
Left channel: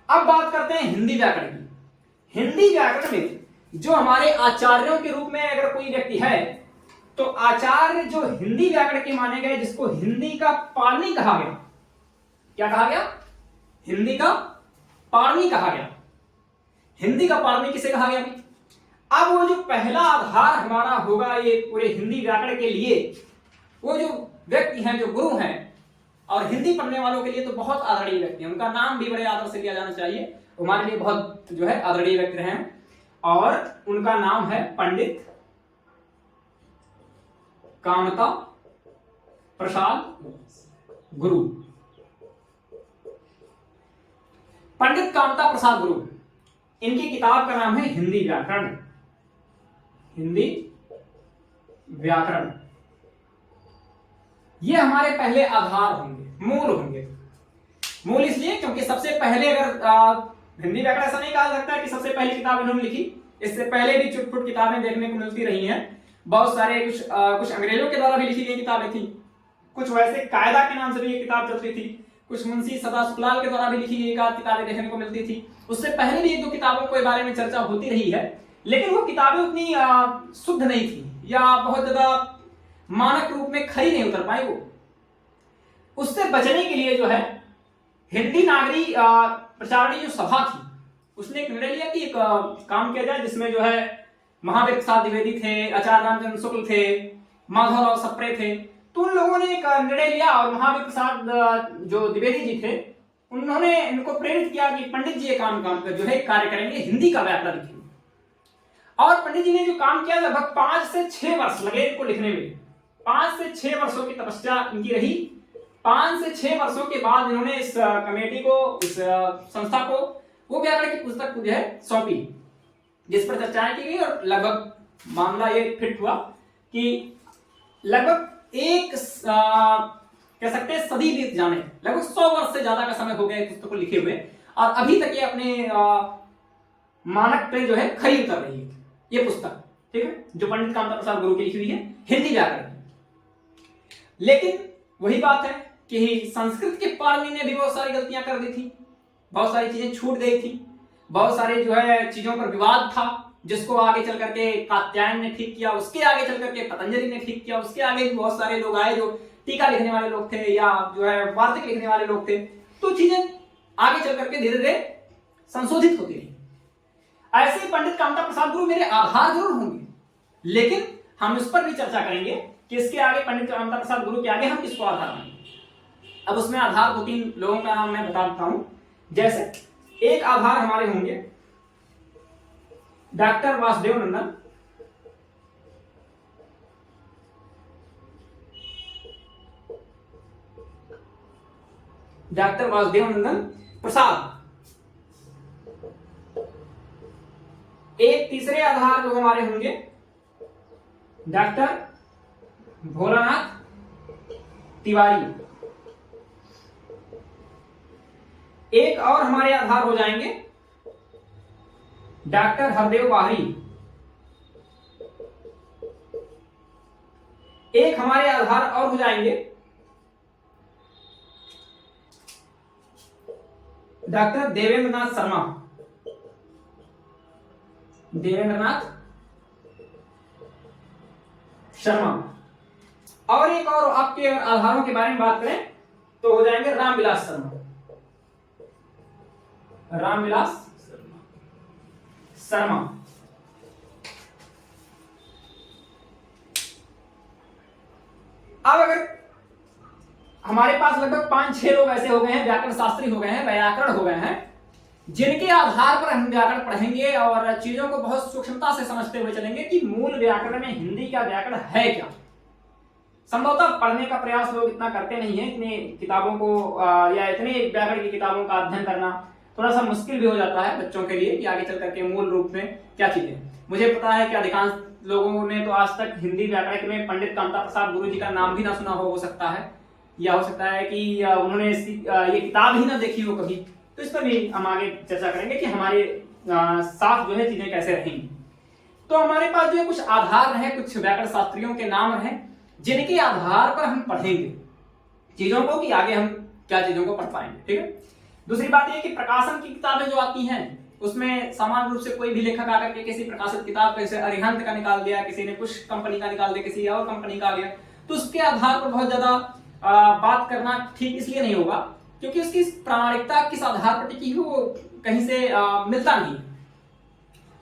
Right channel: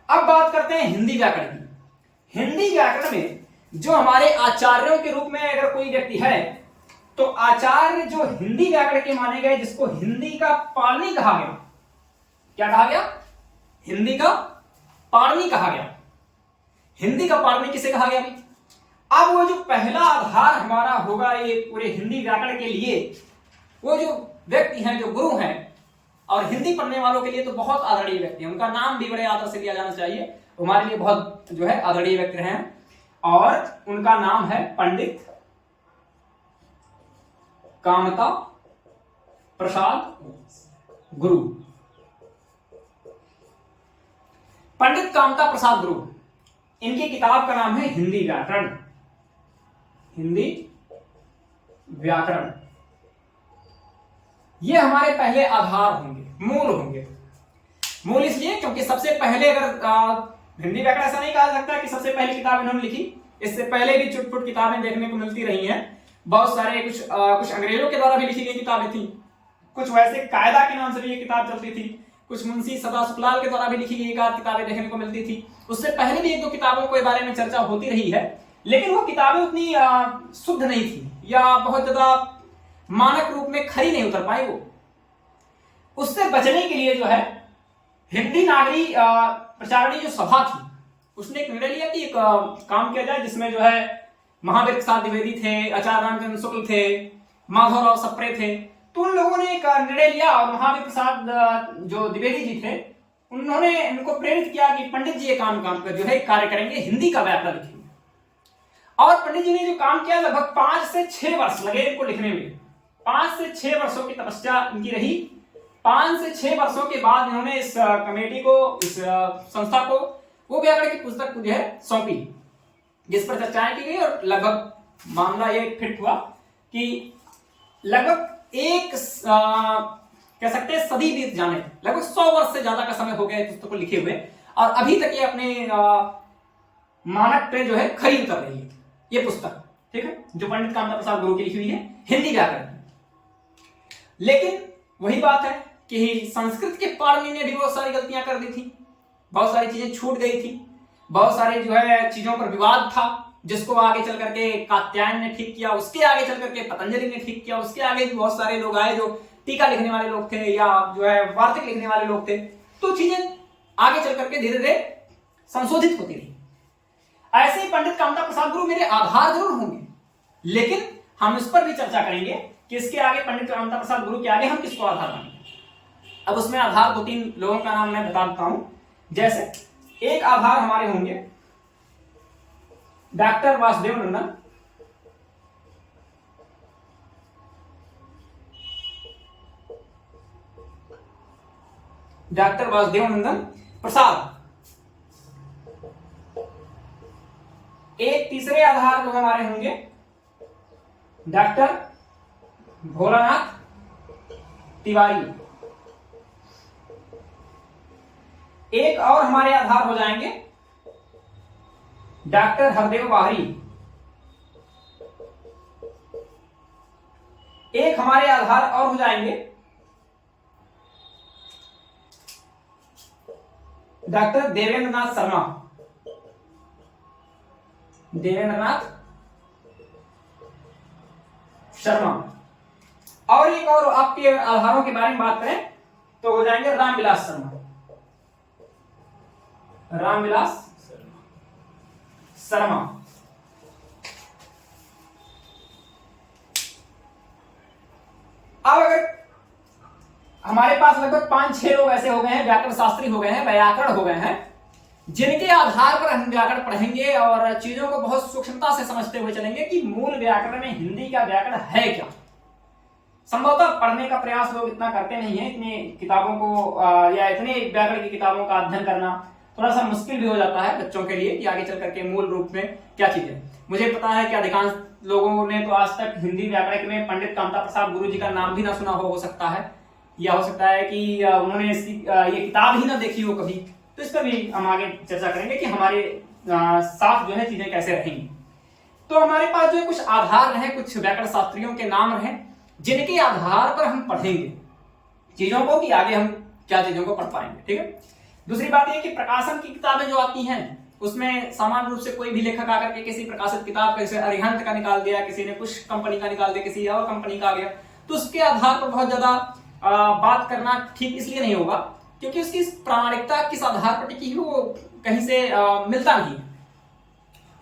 अब बात करते हैं हिंदी व्याकरण की। हिंदी व्याकरण में जो हमारे आचार्यों के रूप में अगर कोई व्यक्ति है, तो आचार्य जो हिंदी व्याकरण के माने गए, जिसको हिंदी का पाणिनि कहा गया। क्या कहा गया? हिंदी का पाणिनि कहा गया। हिंदी का पाणिनि किसे कहा गया? अब वो जो पहला आधार हमारा होगा ये पूरे हिंदी व्याकरण के लिए, वो जो व्यक्ति हैं, जो गुरु हैं, और हिंदी पढ़ने वालों के लिए तो बहुत आदरणीय व्यक्ति हैं, उनका नाम भी बड़े आदर से लिया जाना चाहिए, हमारे लिए बहुत जो है आदरणीय व्यक्ति रहे हैं, और उनका नाम है पंडित कामता प्रसाद गुरु। पंडित कामता प्रसाद गुरु, इनकी किताब का नाम है हिंदी व्याकरण। हिंदी व्याकरण, ये हमारे पहले आधार होंगे, मूल होंगे। मूल इसलिए क्योंकि सबसे पहले, अगर हिंदी व्याकरण ऐसा नहीं कहा सकता कि सबसे पहले किताब इन्होंने लिखी, इससे पहले भी चुटपुट किताबें देखने को मिलती रही हैं। बहुत सारे कुछ अंग्रेजों के द्वारा भी लिखी गई किताबें थी, कुछ वैसे कायदा के नाम से भी ये किताब चलती थी, कुछ मुंशी सदा सुखलाल के द्वारा भी लिखी गई किताबें देखने को मिलती थी। उससे पहले भी 1-2 किताबों के बारे में चर्चा होती रही है, लेकिन वो किताबें उतनी शुद्ध नहीं थी, या बहुत ज्यादा मानक रूप में खरी नहीं उतर पाई। वो उससे बचने के लिए जो है हिंदी नागरी प्रचारणी जो सभा थी, उसने एक निर्णय लिया कि एक काम किया जाए, जिसमें जो है महावीर प्रसाद द्विवेदी थे, आचार्य रामचंद्र शुक्ल थे, माधवराव सप्रे थे। तो उन लोगों ने एक निर्णय लिया, और महावीर प्रसाद जो द्विवेदी जी थे, उन्होंने इनको प्रेरित किया कि पंडित जी ये काम कर जो है कार्य करेंगे, हिंदी का व्याकरण लिखेंगे। और पंडित जी ने जो काम किया, लगभग 5 से 6 वर्ष लगे इनको लिखने में। 5 से 6 वर्षों की तपस्या इनकी रही। 5 से 6 वर्षों के बाद इन्होंने इस कमेटी को, इस संस्था को, वो व्याकरण की पुस्तक जो है सौंपी, जिस पर चर्चाएं की गई, और लगभग मामला ये फिट हुआ कि लगभग कह सकते हैं सदी बीत जाने, लगभग 100 वर्ष से ज्यादा का समय हो गया पुस्तक को लिखे हुए, और अभी तक ये अपने मानक पे जो है खरी उतर रही है ये पुस्तक, ठीक है, जो पंडित कामता प्रसाद गुरु की लिखी हुई है हिंदी व्याकरण। लेकिन वही बात है कि संस्कृत के पाणिनि ने भी बहुत सारी गलतियां कर दी थी, बहुत सारी चीजें छूट गई थी, बहुत सारे जो है चीजों पर विवाद था, जिसको आगे चल करके कात्यायन ने ठीक किया, उसके आगे चल करके पतंजलि ने ठीक किया, उसके आगे भी बहुत सारे लोग आए जो टीका लिखने वाले लोग थे, या जो है वार्तिक लिखने वाले लोग थे। तो चीजें आगे चल करके धीरे धीरे संशोधित होती रही। ऐसे ही पंडित कामता प्रसाद गुरु मेरे आधार जरूर होंगे, लेकिन हम इस पर भी चर्चा करेंगे कि इसके आगे, पंडित कामता प्रसाद गुरु के आगे हम किसको आधार मानेंगे। अब उसमें आधार 2-3 लोगों का नाम मैं बता देता हूं। जैसे एक आधार हमारे होंगे डॉक्टर वासुदेव नंदन, डॉक्टर वासुदेव नंदन प्रसाद। एक तीसरे आधार लोग हमारे होंगे डॉक्टर भोलानाथ तिवारी। एक और हमारे आधार हो जाएंगे डॉक्टर हरदेव बाहरी। एक हमारे आधार और हो जाएंगे डॉक्टर देवेंद्रनाथ शर्मा। देवेंद्रनाथ शर्मा। और एक और आपके आधारों के बारे में बात करें तो हो जाएंगे रामविलास शर्मा। रामविलास शर्मा। अब अगर हमारे पास लगभग 5-6 लोग ऐसे हो गए हैं, व्याकरण शास्त्री हो गए हैं, व्याकरण हो गए हैं, जिनके आधार पर हम व्याकरण पढ़ेंगे और चीजों को बहुत सूक्ष्मता से समझते हुए चलेंगे कि मूल व्याकरण में हिंदी का व्याकरण है क्या। संभवतः पढ़ने का प्रयास लोग इतना करते नहीं है, इतनी किताबों को या इतने व्याकरण की किताबों का अध्ययन करना थोड़ा सा मुश्किल भी हो जाता है बच्चों के लिए कि आगे चल करके मूल रूप में क्या चीजें। मुझे पता है कि अधिकांश लोगों ने तो आज तक हिंदी व्याकरण में पंडित कामता प्रसाद गुरु जी का नाम भी ना सुना हो सकता है, या हो सकता है कि उन्होंने ये किताब ही ना देखी हो कभी। तो इस पर भी हम आगे चर्चा करेंगे कि हमारे साथ जो है चीजें कैसे रहेंगी। तो हमारे पास जो है कुछ आधार रहे, कुछ व्याकरण शास्त्रियों के नाम रहे, जिनके आधार पर हम पढ़ेंगे चीजों को कि आगे हम क्या चीजों को पढ़ पाएंगे। ठीक है। दूसरी बात यह कि प्रकाशन की किताबें जो आती हैं उसमें सामान्य रूप से कोई भी लेखक आकर के किसी प्रकाशित किताब का, जैसे अरिहंत का निकाल दिया, किसी ने कुछ कंपनी का निकाल दिया, किसी और कंपनी का आ गया, तो उसके आधार पर बहुत ज्यादा बात करना ठीक इसलिए नहीं होगा क्योंकि उसकी प्रामाणिकता किस आधार पर टिकी हुई वो कहीं से मिलता नहीं।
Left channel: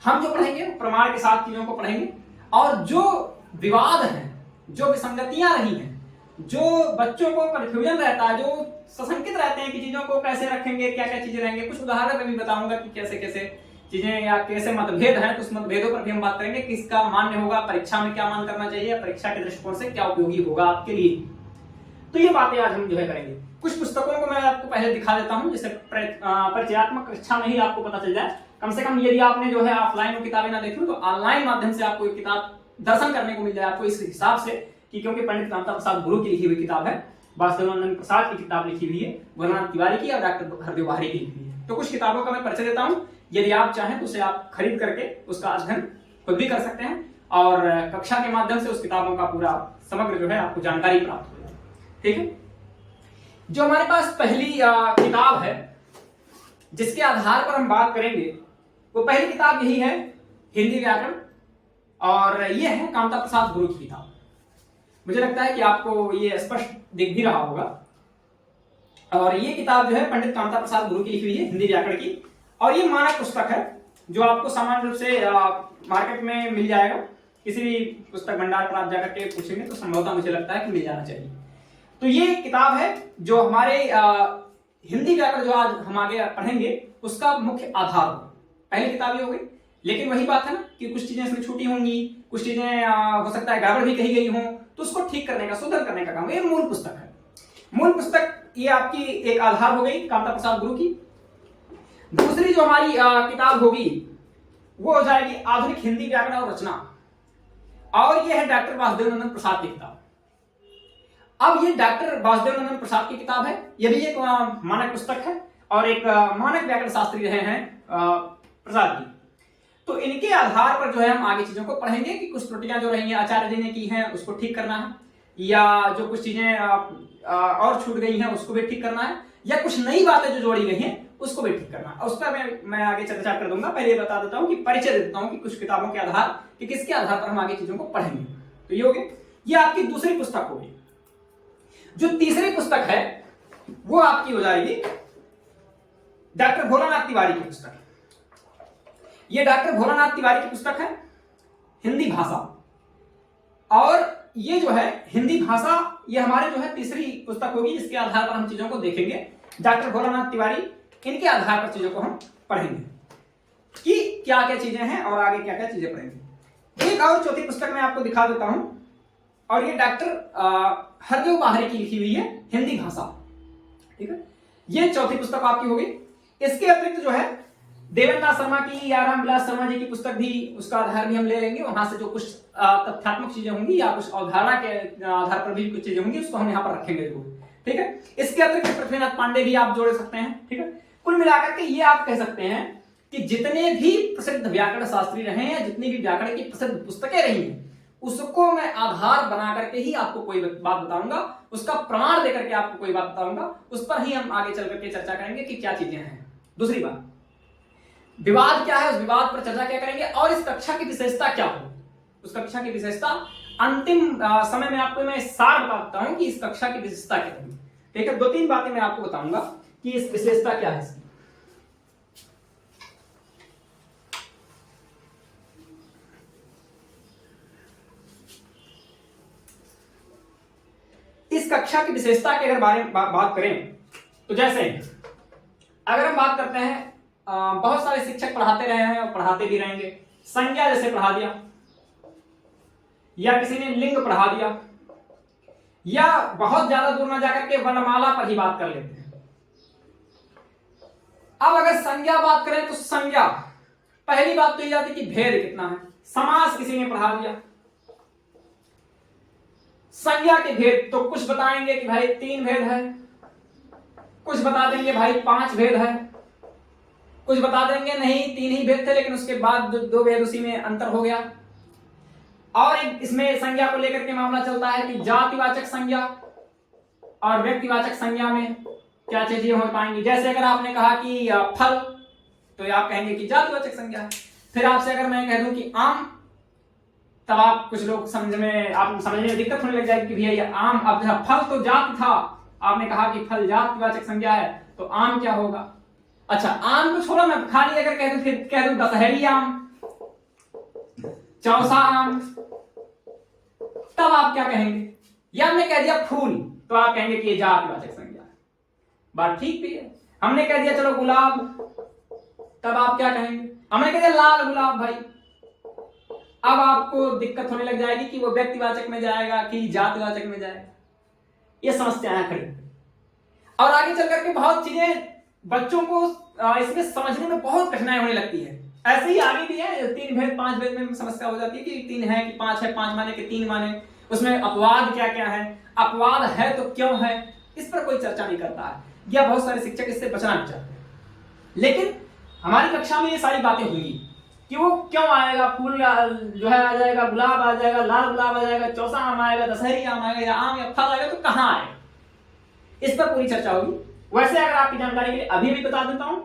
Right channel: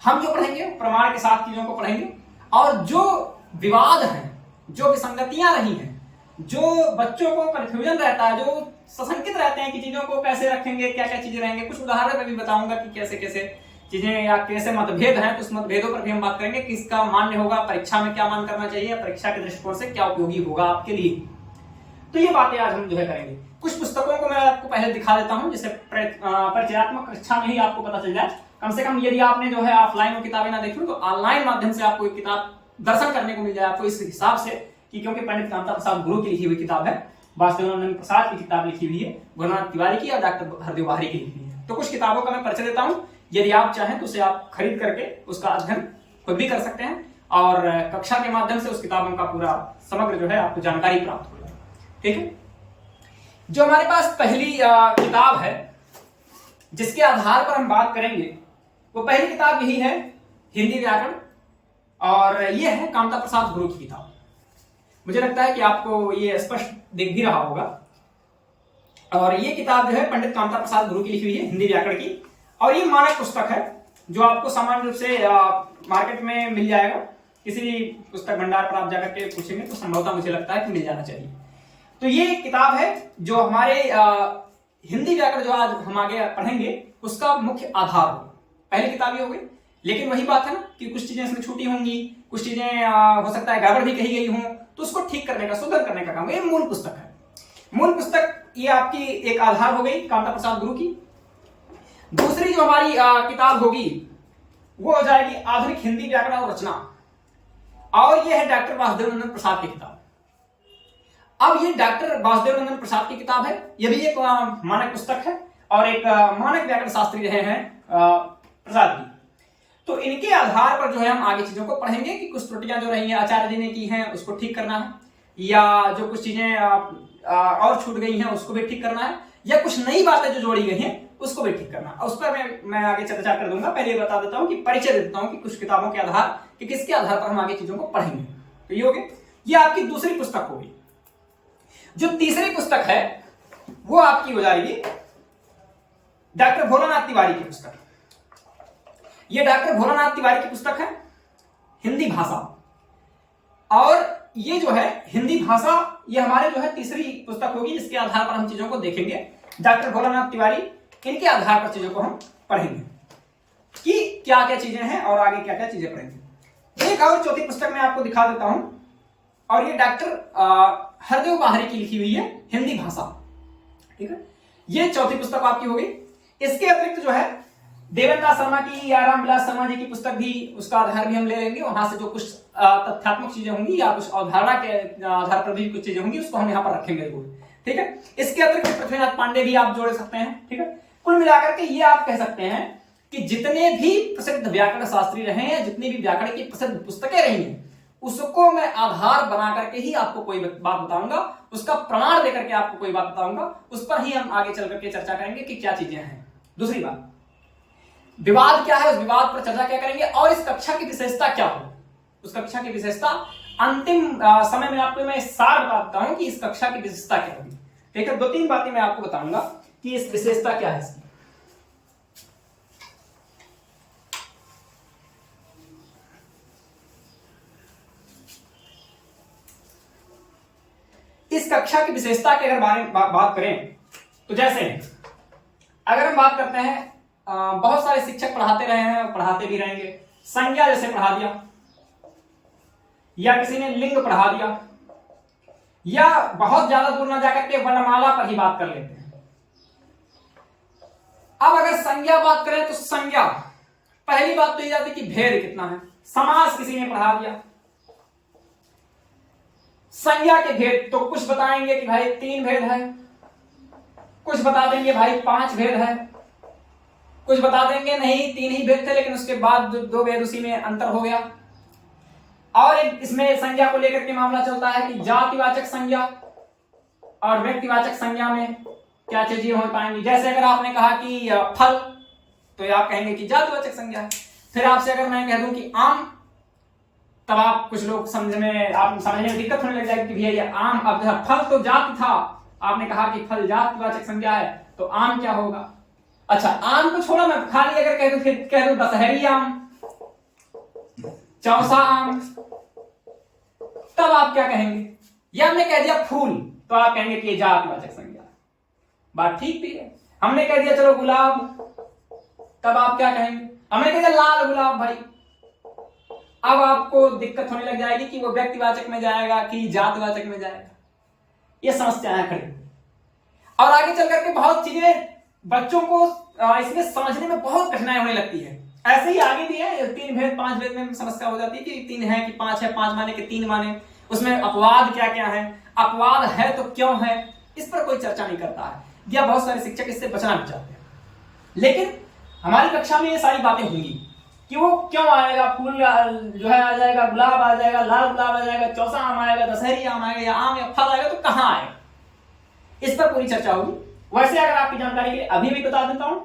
हम जो पढ़ेंगे प्रमाण के साथ चीजों को पढ़ेंगे, और जो विवाद है, जो विसंगतियां रही हैं, जो बच्चों को कंफ्यूजन रहता है, जो सशंकित रहते हैं कि चीजों को कैसे रखेंगे, क्या क्या चीजें रहेंगे, कुछ उदाहरण में भी बताऊंगा कि कैसे कैसे चीजें या कैसे मतभेद हैं, तो उस मतभेदों पर भी हम बात करेंगे, किसका मान्य होगा, परीक्षा में क्या मान करना चाहिए, परीक्षा के दृष्टिकोण से क्या उपयोगी होगा आपके लिए। तो ये बातें आज हम जो है करेंगे। कुछ पुस्तकों को मैं आपको पहले दिखा देता हूं, जिससे परिचयात्मक कक्षा में ही आपको पता चल जाए। कम से कम यदि आपने जो है ऑफलाइन में किताबें ना देखी तो ऑनलाइन माध्यम से आपको एक किताब दर्शन करने को मिल जाए आपको इस हिसाब से कि क्योंकि पंडित कामता प्रसाद गुरु की लिखी हुई किताब है, वासुदेवानंद प्रसाद की किताब लिखी हुई है, गुरुनाथ तिवारी की और डॉक्टर हरदेव बाहरी की लिखी हुई है। तो कुछ किताबों का मैं परिचय देता हूं, यदि आप चाहें तो उसे आप खरीद करके उसका अध्ययन खुद भी कर सकते हैं और कक्षा के माध्यम से उस किताबों का पूरा समग्र जो है आपको जानकारी प्राप्त हो जाए। ठीक है। जो हमारे पास पहली किताब है जिसके आधार पर हम बात करेंगे, वो पहली किताब यही है, हिंदी व्याकरण, और ये है कामता प्रसाद गुरु की किताब। मुझे लगता है कि आपको ये स्पष्ट दिख भी रहा होगा। और ये किताब जो है पंडित कामता प्रसाद गुरु की लिखी हुई है, हिंदी व्याकरण की, और ये मानक पुस्तक है जो आपको सामान्य रूप से मार्केट में मिल जाएगा। किसी भी पुस्तक भंडार पर आप जाकर के पूछेंगे तो संभवतः मुझे लगता है कि मिल जाना चाहिए। तो ये किताब है जो हमारे हिंदी व्याकरण जो आज हम आगे पढ़ेंगे उसका मुख्य आधार हो। पहली किताब ये हो गई, लेकिन वही बात है ना कि कुछ चीजें इसमें छूटी होंगी, कुछ चीजें हो सकता है गड़बड़ भी कही गई हो, तो उसको ठीक करने का, सुधार करने का काम। ये मूल पुस्तक है। मूल पुस्तक ये आपकी एक आधार हो गई कामता प्रसाद गुरु की। दूसरी जो हमारी किताब होगी वो हो जाएगी आधुनिक हिंदी व्याकरण और रचना, और ये है डॉक्टर वासुदेवानंद प्रसाद की किताब। अब ये डॉक्टर वासुदेवानंद प्रसाद की किताब है, ये भी एक मानक पुस्तक है और एक मानक व्याकरण शास्त्री रहे हैं प्रसाद जी। तो इनके आधार पर जो है हम आगे चीजों को पढ़ेंगे कि कुछ त्रुटियां जो रही हैं आचार्य जी ने की हैं उसको ठीक करना है, या जो कुछ चीजें और छूट गई हैं उसको भी ठीक करना है, या कुछ नई बातें जो जोड़ी गई हैं उसको भी ठीक करना है। उस पर मैं आगे चर्चा कर दूंगा। पहले ये बता देता हूं कि परिचय दे देता हूं कि कुछ किताबों के आधार कि किसके आधार पर हम आगे चीजों को पढ़ेंगे। तो ये हो गई, ये आपकी दूसरी पुस्तक होगी। जो तीसरी पुस्तक है वो आपकी हो जाएगी डॉक्टर भोलानाथ तिवारी की पुस्तक। ये डॉक्टर भोलानाथ तिवारी की पुस्तक है, हिंदी भाषा। और ये जो है हिंदी भाषा, ये हमारे जो है तीसरी पुस्तक होगी। इसके आधार पर हम चीजों को देखेंगे। डॉक्टर भोलानाथ तिवारी, इनके आधार पर चीजों को हम पढ़ेंगे कि क्या क्या चीजें हैं और आगे क्या क्या चीजें पढ़ेंगे। एक और चौथी पुस्तक मैं आपको दिखा देता हूं, और ये डॉक्टर हरदेव बाहरी की लिखी हुई है, हिंदी भाषा। ठीक है, ये चौथी पुस्तक आपकी होगी। इसके अतिरिक्त जो है देवेंद्रनाथ शर्मा की या रामविलास शर्मा जी की पुस्तक भी, उसका आधार भी हम ले लेंगे। वहां से जो कुछ तथ्यात्मक चीजें होंगी या कुछ अवधारणा के आधार पर भी कुछ चीजें होंगी उसको हम यहाँ पर रखेंगे जरूर। ठीक है, इसके अतिरिक्त पृथ्वीनाथ पांडे भी आप जोड़ सकते हैं। ठीक है, कुल मिलाकर के ये आप कह सकते हैं कि जितने भी प्रसिद्ध व्याकरण शास्त्री रहे हैं, जितनी भी व्याकरण की प्रसिद्ध पुस्तकें रही हैं, उसको मैं आधार बना करके ही आपको कोई बात बताऊंगा, उसका प्रमाण देकर के आपको कोई बात बताऊंगा, उस पर ही हम आगे चल करके चर्चा करेंगे कि क्या चीजें हैं। दूसरी बात, विवाद क्या है, उस विवाद पर चर्चा क्या करेंगे, और इस कक्षा की विशेषता क्या हो, उस कक्षा की विशेषता अंतिम समय में आपको मैं सार बताता हूं कि इस कक्षा की विशेषता क्या होगी। ठीक है, 2-3 बातें मैं आपको बताऊंगा कि इस विशेषता क्या है इसकी। इस कक्षा की विशेषता के अगर बारे में बात करें तो जैसे अगर हम बात करते हैं, बहुत सारे शिक्षक पढ़ाते रहे हैं और पढ़ाते भी रहेंगे। संज्ञा जैसे पढ़ा दिया, या किसी ने लिंग पढ़ा दिया, या बहुत ज्यादा दूर ना जाकर के वर्णमाला पर ही बात कर लेते हैं। अब अगर संज्ञा बात करें तो संज्ञा, पहली बात तो ये जाती कि भेद कितना है। समास किसी ने पढ़ा दिया, संज्ञा के भेद तो कुछ बताएंगे कि भाई 3 भेद है, कुछ बता देंगे भाई 5 भेद है, कुछ बता देंगे नहीं 3 ही भेद थे लेकिन उसके बाद 2 भेद उसी में अंतर हो गया। और इसमें संज्ञा को लेकर के मामला चलता है कि जातिवाचक संज्ञा और व्यक्तिवाचक संज्ञा में क्या चीजें हो पाएंगी। जैसे अगर आपने कहा कि फल, तो आप कहेंगे कि जातिवाचक संज्ञा। फिर आपसे अगर मैं कह दूं कि आम, तब आप कुछ लोग समझने में दिक्कत होने लग जाएगी कि भैया ये आम, अब फल तो जाति था, आपने कहा कि फल जातिवाचक संज्ञा है, तो आम क्या होगा। अच्छा, आम को छोड़ा, मैं खाली अगर कह दूं दशहरी आम, चौसा आम, तब आप क्या कहेंगे। या हमने कह दिया फूल, तो आप कहेंगे कि ये जातिवाचक संज्ञा है। बात ठीक भी है। हमने कह दिया चलो गुलाब, तब आप क्या कहेंगे। हमने कह दिया लाल गुलाब भाई, अब आपको दिक्कत होने लग जाएगी कि वो व्यक्तिवाचक में जाएगा कि जातिवाचक में जाएगा। ये समस्याएं खड़ी। और आगे चल करके बहुत चीजें बच्चों को इसमें समझने में बहुत कठिनाई होने लगती है। ऐसे ही आगे भी है, 3 भेद 5 भेद में समस्या हो जाती है कि 3 है कि 5 है, 5 माने कि 3 माने, उसमें अपवाद क्या क्या है, अपवाद है तो क्यों है, इस पर कोई चर्चा नहीं करता है, या बहुत सारे शिक्षक इससे बचना भी चाहते हैं। लेकिन हमारी कक्षा में ये सारी बातें होंगी कि वो क्यों आएगा, फूल जो है आ जाएगा, गुलाब आ जाएगा, लाल गुलाब आ जाएगा, चौसा आम आएगा, दशहरी आम आएगा, या आम या फल आएगा, तो कहां आएगा, इस पर पूरी चर्चा होगी। वैसे अगर आपकी जानकारी के लिए अभी भी बता देता हूं,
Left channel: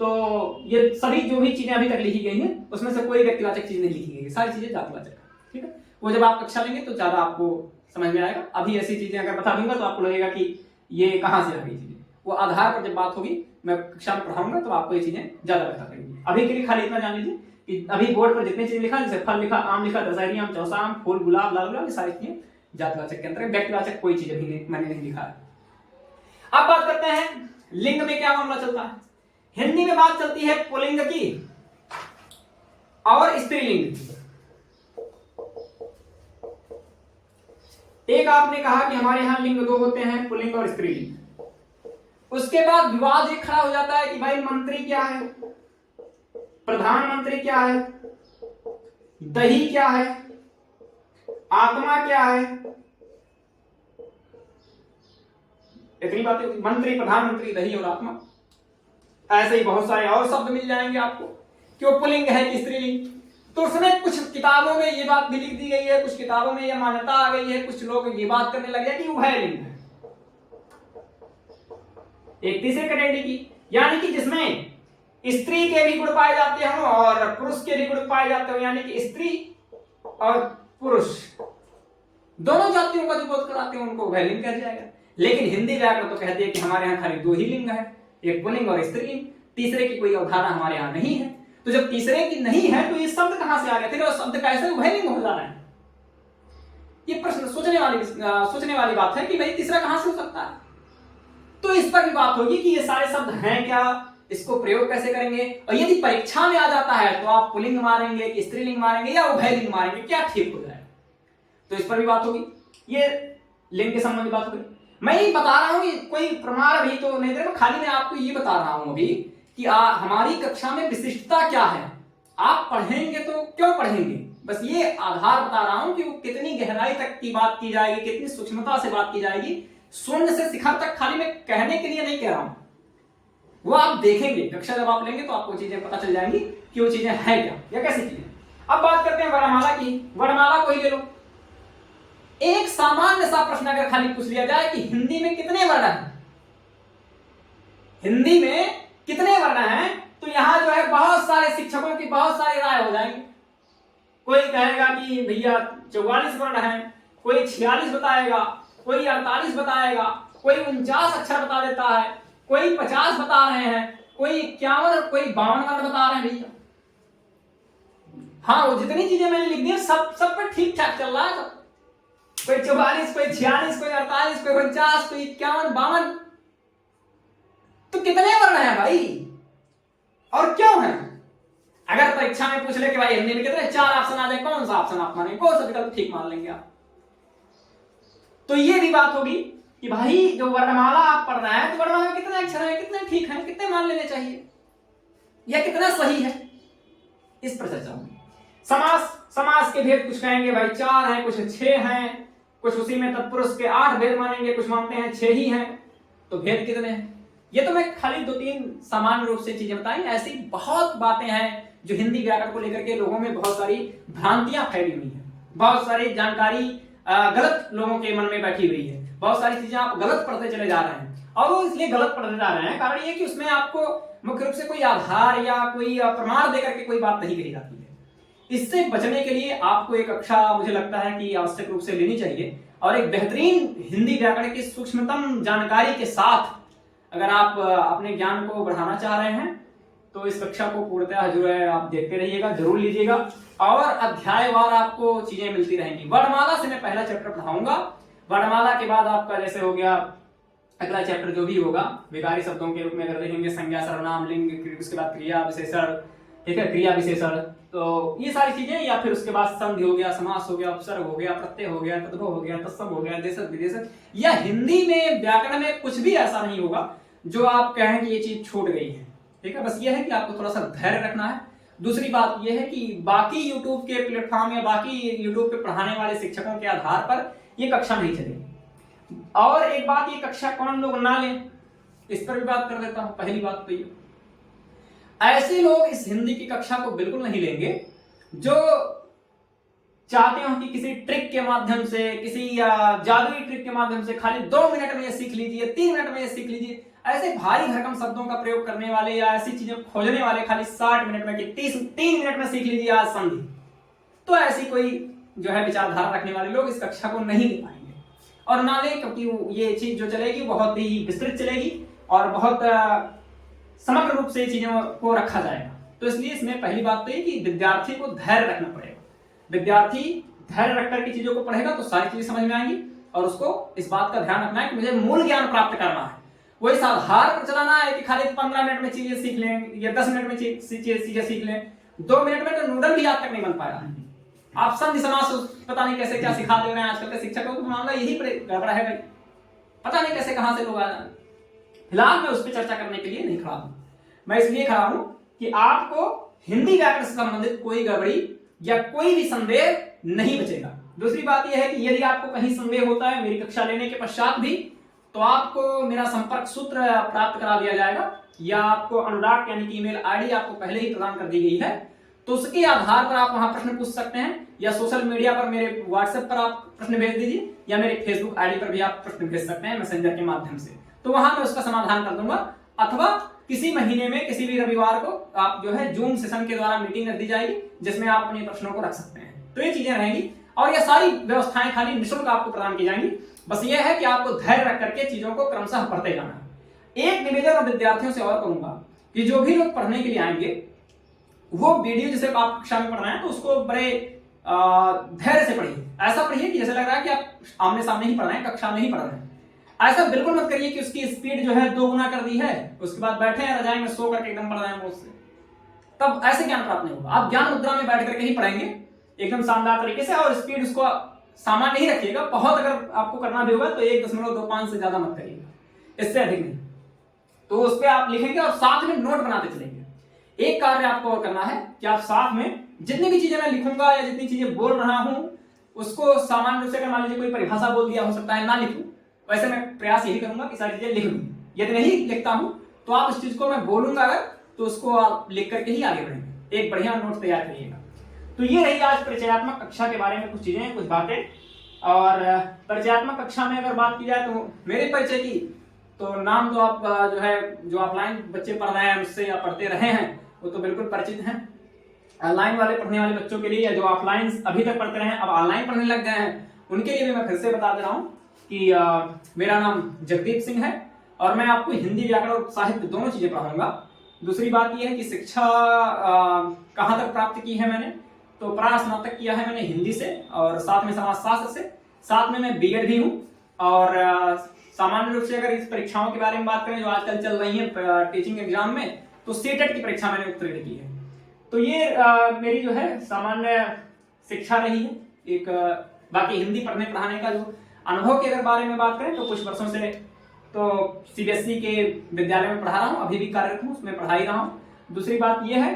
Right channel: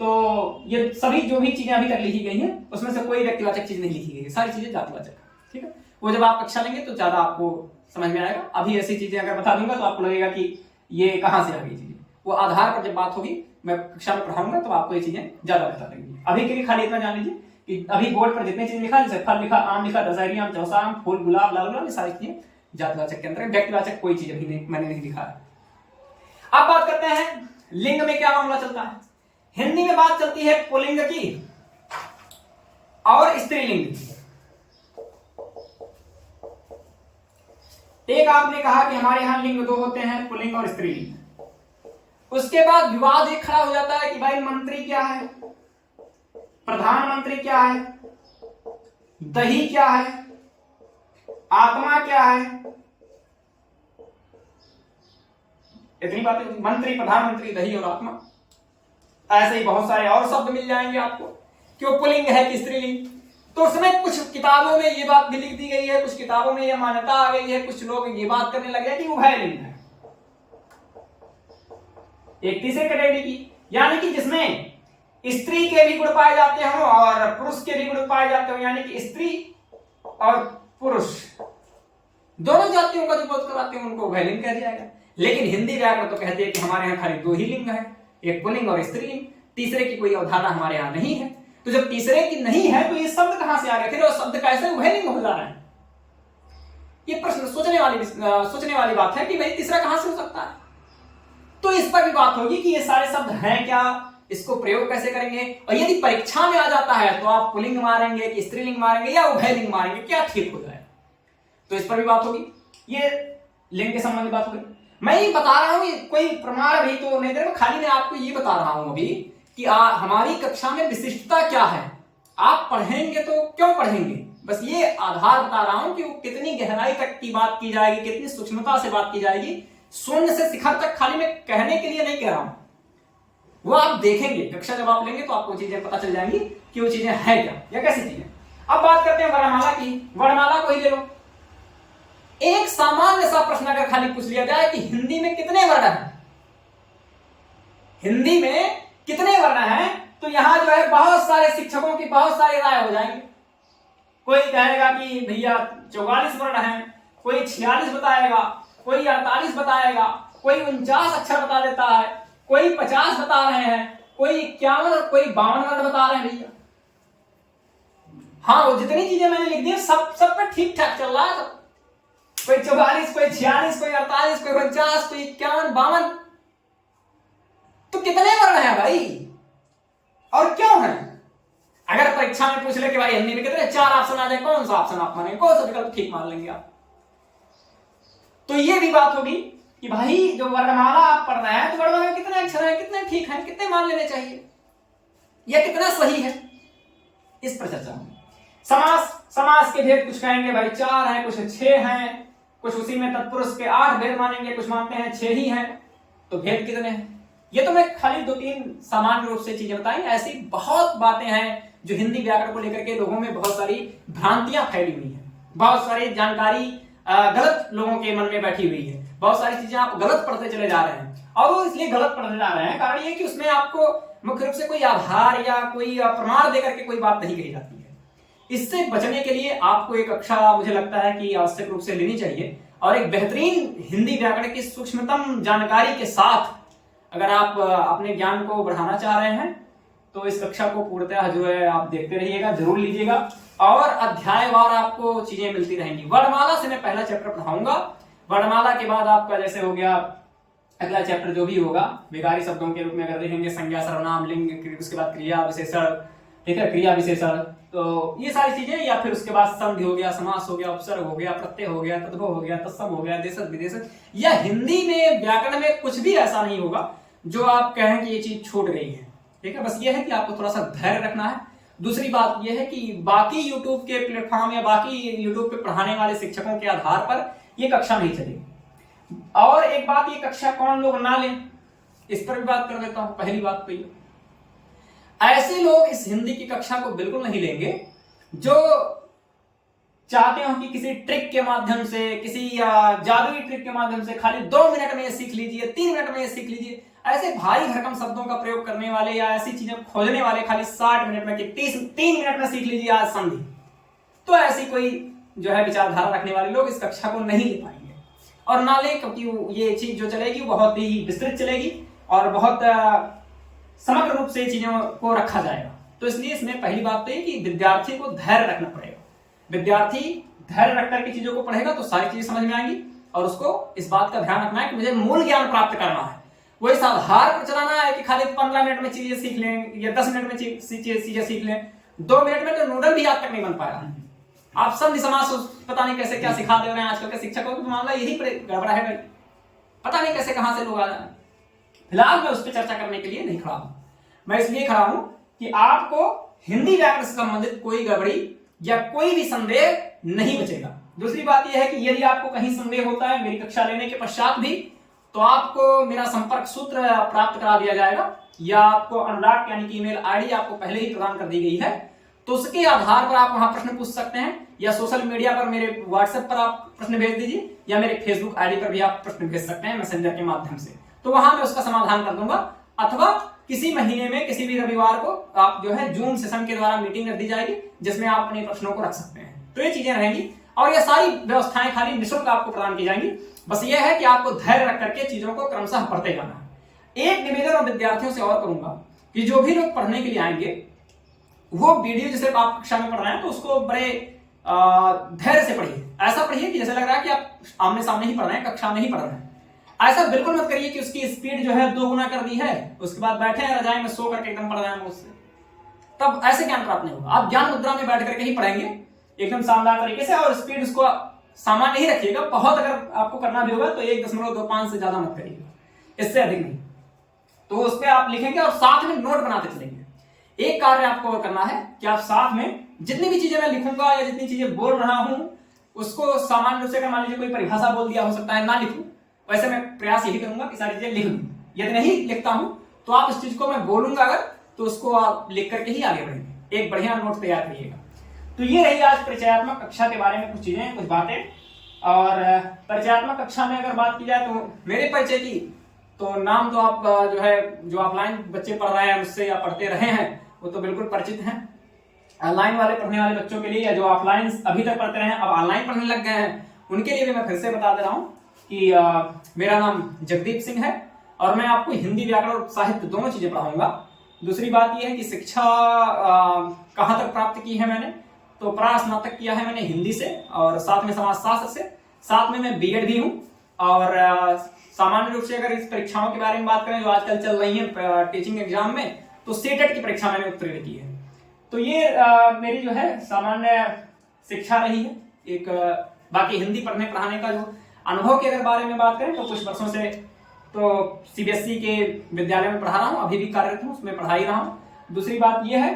तो ये सभी जो भी चीजें अभी तक लिखी गई हैं उसमें से कोई व्यक्तिवाचक चीज नहीं लिखी गई है, सारी चीजें जातिवाचक। ठीक है, वो जब आप कक्षा लेंगे तो ज्यादा आपको समझ में आएगा। अभी ऐसी चीजें अगर बता दूंगा तो आपको लगेगा कि ये कहां से आ गई चीजें। वो आधार पर जब बात होगी, मैं कक्षा में पढ़ाऊंगा तो आपको ये चीजें ज्यादा बता देंगी। अभी के लिए खाली इतना जान लीजिए कि अभी बोर्ड पर जितनी चीज लिखा, जैसे फल लिखा, आम लिखा, दशहरी आम, चौसा आम, फूल, गुलाब, लाल गुलाब, ये सारी चीजें जातिवाचक के अंदर। व्यक्तिवाचक कोई चीज अभी नहीं, मैंने नहीं लिखा है। अब बात करते हैं लिंग में क्या मामला चलता है। हिंदी में बात चलती है पुल्लिंग की और स्त्रीलिंग की। एक आपने कहा कि हमारे यहां लिंग 2 होते हैं, पुल्लिंग और स्त्रीलिंग। उसके बाद विवाद एक खड़ा हो जाता है कि भाई मंत्री क्या है, प्रधानमंत्री क्या है, दही क्या है, आत्मा क्या है, इतनी बातें। मंत्री, प्रधानमंत्री, दही और आत्मा, ऐसे ही बहुत सारे और शब्द मिल जाएंगे आपको कि वो पुल्लिंग है कि स्त्रीलिंग। तो उसमें कुछ किताबों में ये बात भी लिख दी गई है, कुछ किताबों में ये मान्यता आ गई है, कुछ लोग ये बात करने लगे कि उभयलिंग है। एक तीसरी कैटेगरी की, यानी कि जिसमें स्त्री के भी गुण पाए जाते हों और पुरुष के भी गुण पाए जाते हो, यानी कि स्त्री और पुरुष दोनों जातियों का जो बोध कराते हैं उनको उभयलिंग कह दिया गया। लेकिन हिंदी व्याकरण तो कहती है कि हमारे यहाँ खाली 2 ही लिंग है, एक पुल्लिंग और स्त्रीलिंग, तीसरे की कोई अवधारणा हमारे यहाँ नहीं है। तो जब तीसरे की नहीं है तो ये शब्द कहां से आ गए थे और शब्द कैसे उभयलिंग हो जा रहे हैं। ये प्रश्न सोचने वाली बात है कि भाई तीसरा कहां से हो सकता है। तो इस पर भी बात होगी कि ये सारे शब्द हैं क्या, इसको प्रयोग कैसे करेंगे, और यदि परीक्षा में आ जाता है तो आप पुल्लिंग मारेंगे कि स्त्रीलिंग मारेंगे या उभयलिंग मारेंगे, क्या ठीक हो जाएगा। तो इस पर भी बात होगी। ये लिंग के संबंधी बात होगी। मैं ये बता रहा हूं, कोई प्रमाण अभी तो नहीं दे रहा, खाली मैं आपको ये बता रहा हूं अभी कि हमारी कक्षा में विशिष्टता क्या है। आप पढ़ेंगे तो क्यों पढ़ेंगे, बस ये आधार बता रहा हूं कि वो कितनी गहराई तक की बात की जाएगी, कितनी सूक्ष्मता से बात की जाएगी। शून्य से शिखर तक खाली मैं कहने के लिए नहीं कह रहा हूं। वो आप देखेंगे, कक्षा जब आप लेंगे तो आपको चीजें पता चल जाएंगी कि वो चीजें हैं क्या या कैसी चीजें। अब बात करते हैं वर्णमाला की। वर्णमाला को ही ले लो। एक सामान्य सा प्रश्न अगर खाली पूछ लिया जाए कि हिंदी में कितने वर्ण हैं, हिंदी में कितने वर्ण हैं, तो यहां जो है बहुत सारे शिक्षकों की बहुत सारी राय हो जाएंगी। कोई कहेगा कि भैया 44 वर्ण हैं, कोई 46 बताएगा, कोई 48 बताएगा, कोई 49 अक्षर बता देता है, कोई 50 बता रहे हैं, कोई 51, कोई 52 वर्ण बता रहे हैं भैया। हाँ, वो जितनी चीजें मैंने लिख दी सब पे ठीक ठाक चल रहा है। कोई 44, कोई 46, कोई 48, कोई 49, कोई 51, 52। तो कितने वर्ण हैं भाई और क्यों हैं? अगर परीक्षा में पूछ ले कि भाई हिंदी में कितने, 4 ऑप्शन आ जाए, कौन सा ऑप्शन आप मानेंगे, कौन सा विकल्प ठीक मान लेंगे आप? तो ये भी बात होगी कि भाई जो वर्णमाला आप पढ़ रहे हैं तो वर्णमाला में कितने अक्षर हैं, कितने ठीक हैं, कितने मान लेने चाहिए या कितना सही है, इस पर चर्चा होगी। समास के भेद कुछ कहेंगे भाई 4 हैं, कुछ 6 हैं, कुछ उसी में तत्पुरुष के 8 भेद मानेंगे, कुछ मानते हैं 6 ही हैं। तो भेद कितने हैं? ये तो मैं खाली 2-3 सामान्य रूप से चीजें बताई। ऐसी बहुत बातें हैं जो हिंदी व्याकरण को लेकर के लोगों में बहुत सारी भ्रांतियां फैली हुई है, बहुत सारी जानकारी गलत लोगों के मन में बैठी हुई है, बहुत सारी चीजें आप गलत पढ़ते चले जा रहे हैं। और वो इसलिए गलत पढ़ने जा रहे हैं, कारण ये कि उसमें आपको मुख्य रूप से कोई आधार या कोई प्रमाण देकर के कोई बात नहीं कही जाती है। इससे बचने के लिए आपको एक कक्षा मुझे लगता है कि आवश्यक रूप से लेनी चाहिए, और एक बेहतरीन हिंदी व्याकरण की सूक्ष्मतम जानकारी के साथ अगर आप अपने ज्ञान को बढ़ाना चाह रहे हैं तो इस कक्षा को पूर्णतः जो है आप देखते रहिएगा, जरूर लीजिएगा, और अध्यायवार आपको चीजें मिलती रहेंगी। वर्णमाला से मैं पहला चैप्टर पढ़ाऊंगा। वर्णमाला के बाद आपका जैसे हो गया अगला चैप्टर जो भी होगा विकारी शब्दों के रूप में अगर देखेंगे संज्ञा, सर्वनाम, लिंग, उसके बाद क्रिया विशेषण, ठीक है, क्रिया विशेषण, तो ये सारी चीजें, या फिर उसके बाद संधि हो गया, समास हो गया, उपसर्ग हो गया, प्रत्यय हो गया, तद्भव हो गया, तत्सम हो गया, देशज विदेशज। या हिंदी में व्याकरण में कुछ भी ऐसा नहीं होगा जो आप कहें कि ये चीज छूट गई है, ठीक है। बस ये है कि आपको थोड़ा सा धैर्य रखना है। दूसरी बात ये है कि बाकी यूट्यूब के प्लेटफॉर्म या बाकी यूट्यूब पे पढ़ाने वाले शिक्षकों के आधार पर ये कक्षा नहीं चलेगी। और एक बात, ये कक्षा कौन लोग ना लें, इस पर भी बात कर देता हूं। पहली बात तो ये, ऐसे लोग इस हिंदी की कक्षा को बिल्कुल नहीं लेंगे जो चाहते हो कि किसी ट्रिक के माध्यम से, किसी जादुई ट्रिक के माध्यम से खाली 2 मिनट में ये सीख लीजिए, 3 मिनट में ये सीख लीजिए। ऐसे भारी भरकम शब्दों का प्रयोग करने वाले या ऐसी चीजें खोजने वाले खाली 60 मिनट में कि 3 मिनट में सीख लीजिए आज संधि, तो ऐसी कोई जो है विचारधारा रखने वाले लोग इस कक्षा को नहीं ले पाएंगे और ना ले, क्योंकि ये चीज जो चलेगी बहुत ही विस्तृत चलेगी और बहुत समग्र रूप से चीजों को रखा जाएगा। तो इसलिए इसमें पहली बात तो ये कि विद्यार्थी को धैर्य रखना पड़ेगा। विद्यार्थी धैर्य रख करके चीजों को पढ़ेगा तो सारी चीजें समझ में आएंगी, और उसको इस बात का ध्यान रखना है कि मुझे मूल ज्ञान प्राप्त करना है। वही आधार पर चलाना है कि खाली 15 मिनट में चीजें सीख लें या 10 मिनट में चीजें सीख लें। 2 मिनट में तो नूडल भी आज तक नहीं बन पाया। आप संधि समास पता नहीं कैसे क्या सिखा दे रहे हैं आजकल के शिक्षकों को, मामला यही गड़बड़ा है भाई, पता नहीं कैसे कहां से लोग आ जाए। फिलहाल मैं उस पर चर्चा करने के लिए नहीं खड़ा हूं। मैं इसलिए खड़ा हूं कि आपको हिंदी व्याकरण से संबंधित कोई गड़बड़ी या कोई भी संदेह नहीं बचेगा। दूसरी बात यह है कि यदि आपको कहीं संदेह होता है मेरी कक्षा लेने के पश्चात भी, तो आपको मेरा संपर्क सूत्र प्राप्त करा दिया जाएगा, या आपको अनुराग यानी कि ईमेल आईडी आपको पहले ही प्रदान कर दी गई है, तो उसके आधार पर आप वहां प्रश्न पूछ सकते हैं, या सोशल मीडिया पर मेरे व्हाट्सएप पर आप प्रश्न भेज दीजिए, या मेरे फेसबुक आईडी पर भी आप प्रश्न भेज सकते हैं मैसेंजर के माध्यम से, तो वहां मैं उसका समाधान कर दूंगा। अथवा किसी महीने में किसी भी रविवार को आप जो है जूम सेशन के द्वारा मीटिंग रख दी जाएगी जिसमें आप अपने प्रश्नों को रख सकते हैं। तो ये चीजें रहेंगी और ये सारी व्यवस्थाएं खाली निःशुल्क आपको प्रदान की जाएंगी। बस ये है कि आपको धैर्य रख करके चीजों को क्रमशः पढ़ते जाना है। एक निवेदन और विद्यार्थियों से और करूंगा कि जो भी लोग पढ़ने के लिए आएंगे वो वीडियो जैसे आप कक्षा में पढ़ रहे हैं तो उसको बड़े धैर्य से पढ़िए। ऐसा पढ़िए कि जैसे लग रहा है कि आप आमने सामने ही पढ़ रहे हैं, कक्षा में ही पढ़ रहे हैं। ऐसा बिल्कुल मत करिए कि उसकी स्पीड जो है 2 गुना कर दी है, उसके बाद बैठे हैं रजाई में सो करके एकदम पढ़ रहे हैं उससे, तब ऐसे ज्ञान प्राप्त नहीं होगा। आप ज्ञान मुद्रा में बैठ करके ही पढ़ेंगे एकदम शानदार तरीके से, और स्पीड उसको सामान्य ही रखिएगा। बहुत अगर आपको करना भी होगा तो 1.25 से ज्यादा मत करिएगा, इससे अधिक नहीं। तो उस पर आप लिखेंगे और साथ में नोट बनाते चलेंगे। एक कार्य आपको और करना है कि आप साथ में जितनी भी चीजें मैं लिखूंगा या जितनी चीजें बोल रहा हूं उसको सामान्य रूप से, अगर मान लीजिए कोई परिभाषा बोल दिया हो सकता है ना लिखूं, वैसे मैं प्रयास यही करूंगा कि सारी चीजें लिख लूं। यदि नहीं लिखता हूं तो आप इस चीज को मैं बोलूंगा अगर, तो उसको आप लिख करके ही आगे बढ़ेंगे, एक बढ़िया नोट तैयार करिएगा। तो ये रही आज परिचयात्मक कक्षा के बारे में कुछ चीजें, कुछ बातें। और परिचयात्मक कक्षा में अगर बात की जाए तो मेरे परिचय की, तो नाम तो आप जो है, जो ऑफलाइन बच्चे पढ़ रहे हैं उससे या पढ़ते रहे हैं वो तो बिल्कुल परिचित हैं। ऑनलाइन वाले पढ़ने वाले बच्चों के लिए, या जो ऑफलाइन अभी तक पढ़ते रहे हैं अब ऑनलाइन पढ़ने लग गए हैं, उनके लिए भी मैं फिर से बता दे रहा हूँ कि मेरा नाम जगदीप सिंह है और मैं आपको हिंदी, व्याकरण और साहित्य दोनों चीजें पढ़ाऊंगा। दूसरी बात यह है कि शिक्षा कहाँ तक प्राप्त की है मैंने, तो स्नातक किया है मैंने हिंदी से और साथ में समाजशास्त्र से, साथ में मैं बीएड भी हूँ। और सामान्य रूप से अगर इस परीक्षाओं के बारे में बात करें जो आजकल चल रही है टीचिंग एग्जाम में, तो सीटेट की परीक्षा मैंने उत्तीर्ण की है। तो ये मेरी जो है सामान्य शिक्षा रही है। एक बाकी हिंदी पढ़ने पढ़ाने का जो अनुभव के अगर बारे में बात करें तो कुछ वर्षों से तो सीबीएसई के विद्यालय में पढ़ा रहा हूँ, अभी भी कार्यरत हूँ, उसमें पढ़ा ही रहा हूँ। दूसरी बात यह है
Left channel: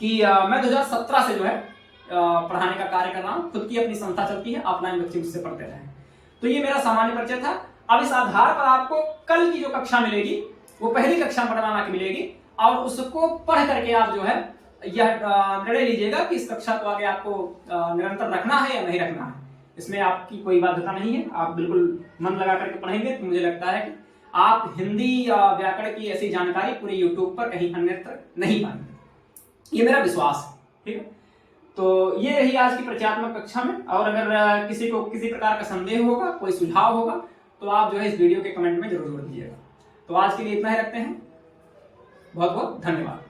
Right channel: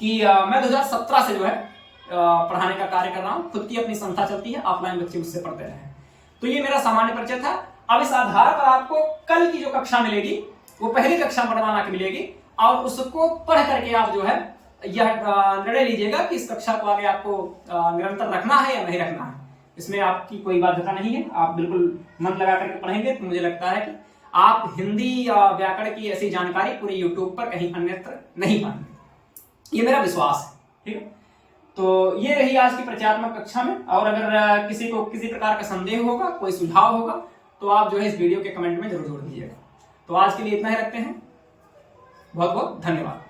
कि मैं 2017 से जो है पढ़ाने का कार्य कर रहा हूँ, खुद की अपनी संस्था चलती है, ऑफलाइन बच्चे उससे पढ़ते रहे। तो ये मेरा सामान्य परिचय था। अब इस आधार पर आपको कल की जो कक्षा मिलेगी वो पहली कक्षा पढ़वाना की मिलेगी और उसको पढ़ करके आप जो है यह निर्णय लीजिएगा कि इस कक्षा को आगे आपको निरंतर रखना है या नहीं रखना है। इसमें आपकी कोई बाध्यता नहीं है, आप बिल्कुल मन लगा करके पढ़ेंगे तो मुझे लगता है कि आप हिंदी या व्याकरण की ऐसी जानकारी पूरे यूट्यूब पर कहीं अन्यत्र नहीं पाएंगे, ये मेरा विश्वास है। ठीक है, तो ये रही आज की परिचयात्मक कक्षा में। और अगर किसी को किसी प्रकार का संदेह होगा, कोई सुझाव होगा, तो आप जो है इस वीडियो के कमेंट में जरूर दीजिएगा। तो आज के लिए इतना ही रखते हैं, बहुत बहुत धन्यवाद।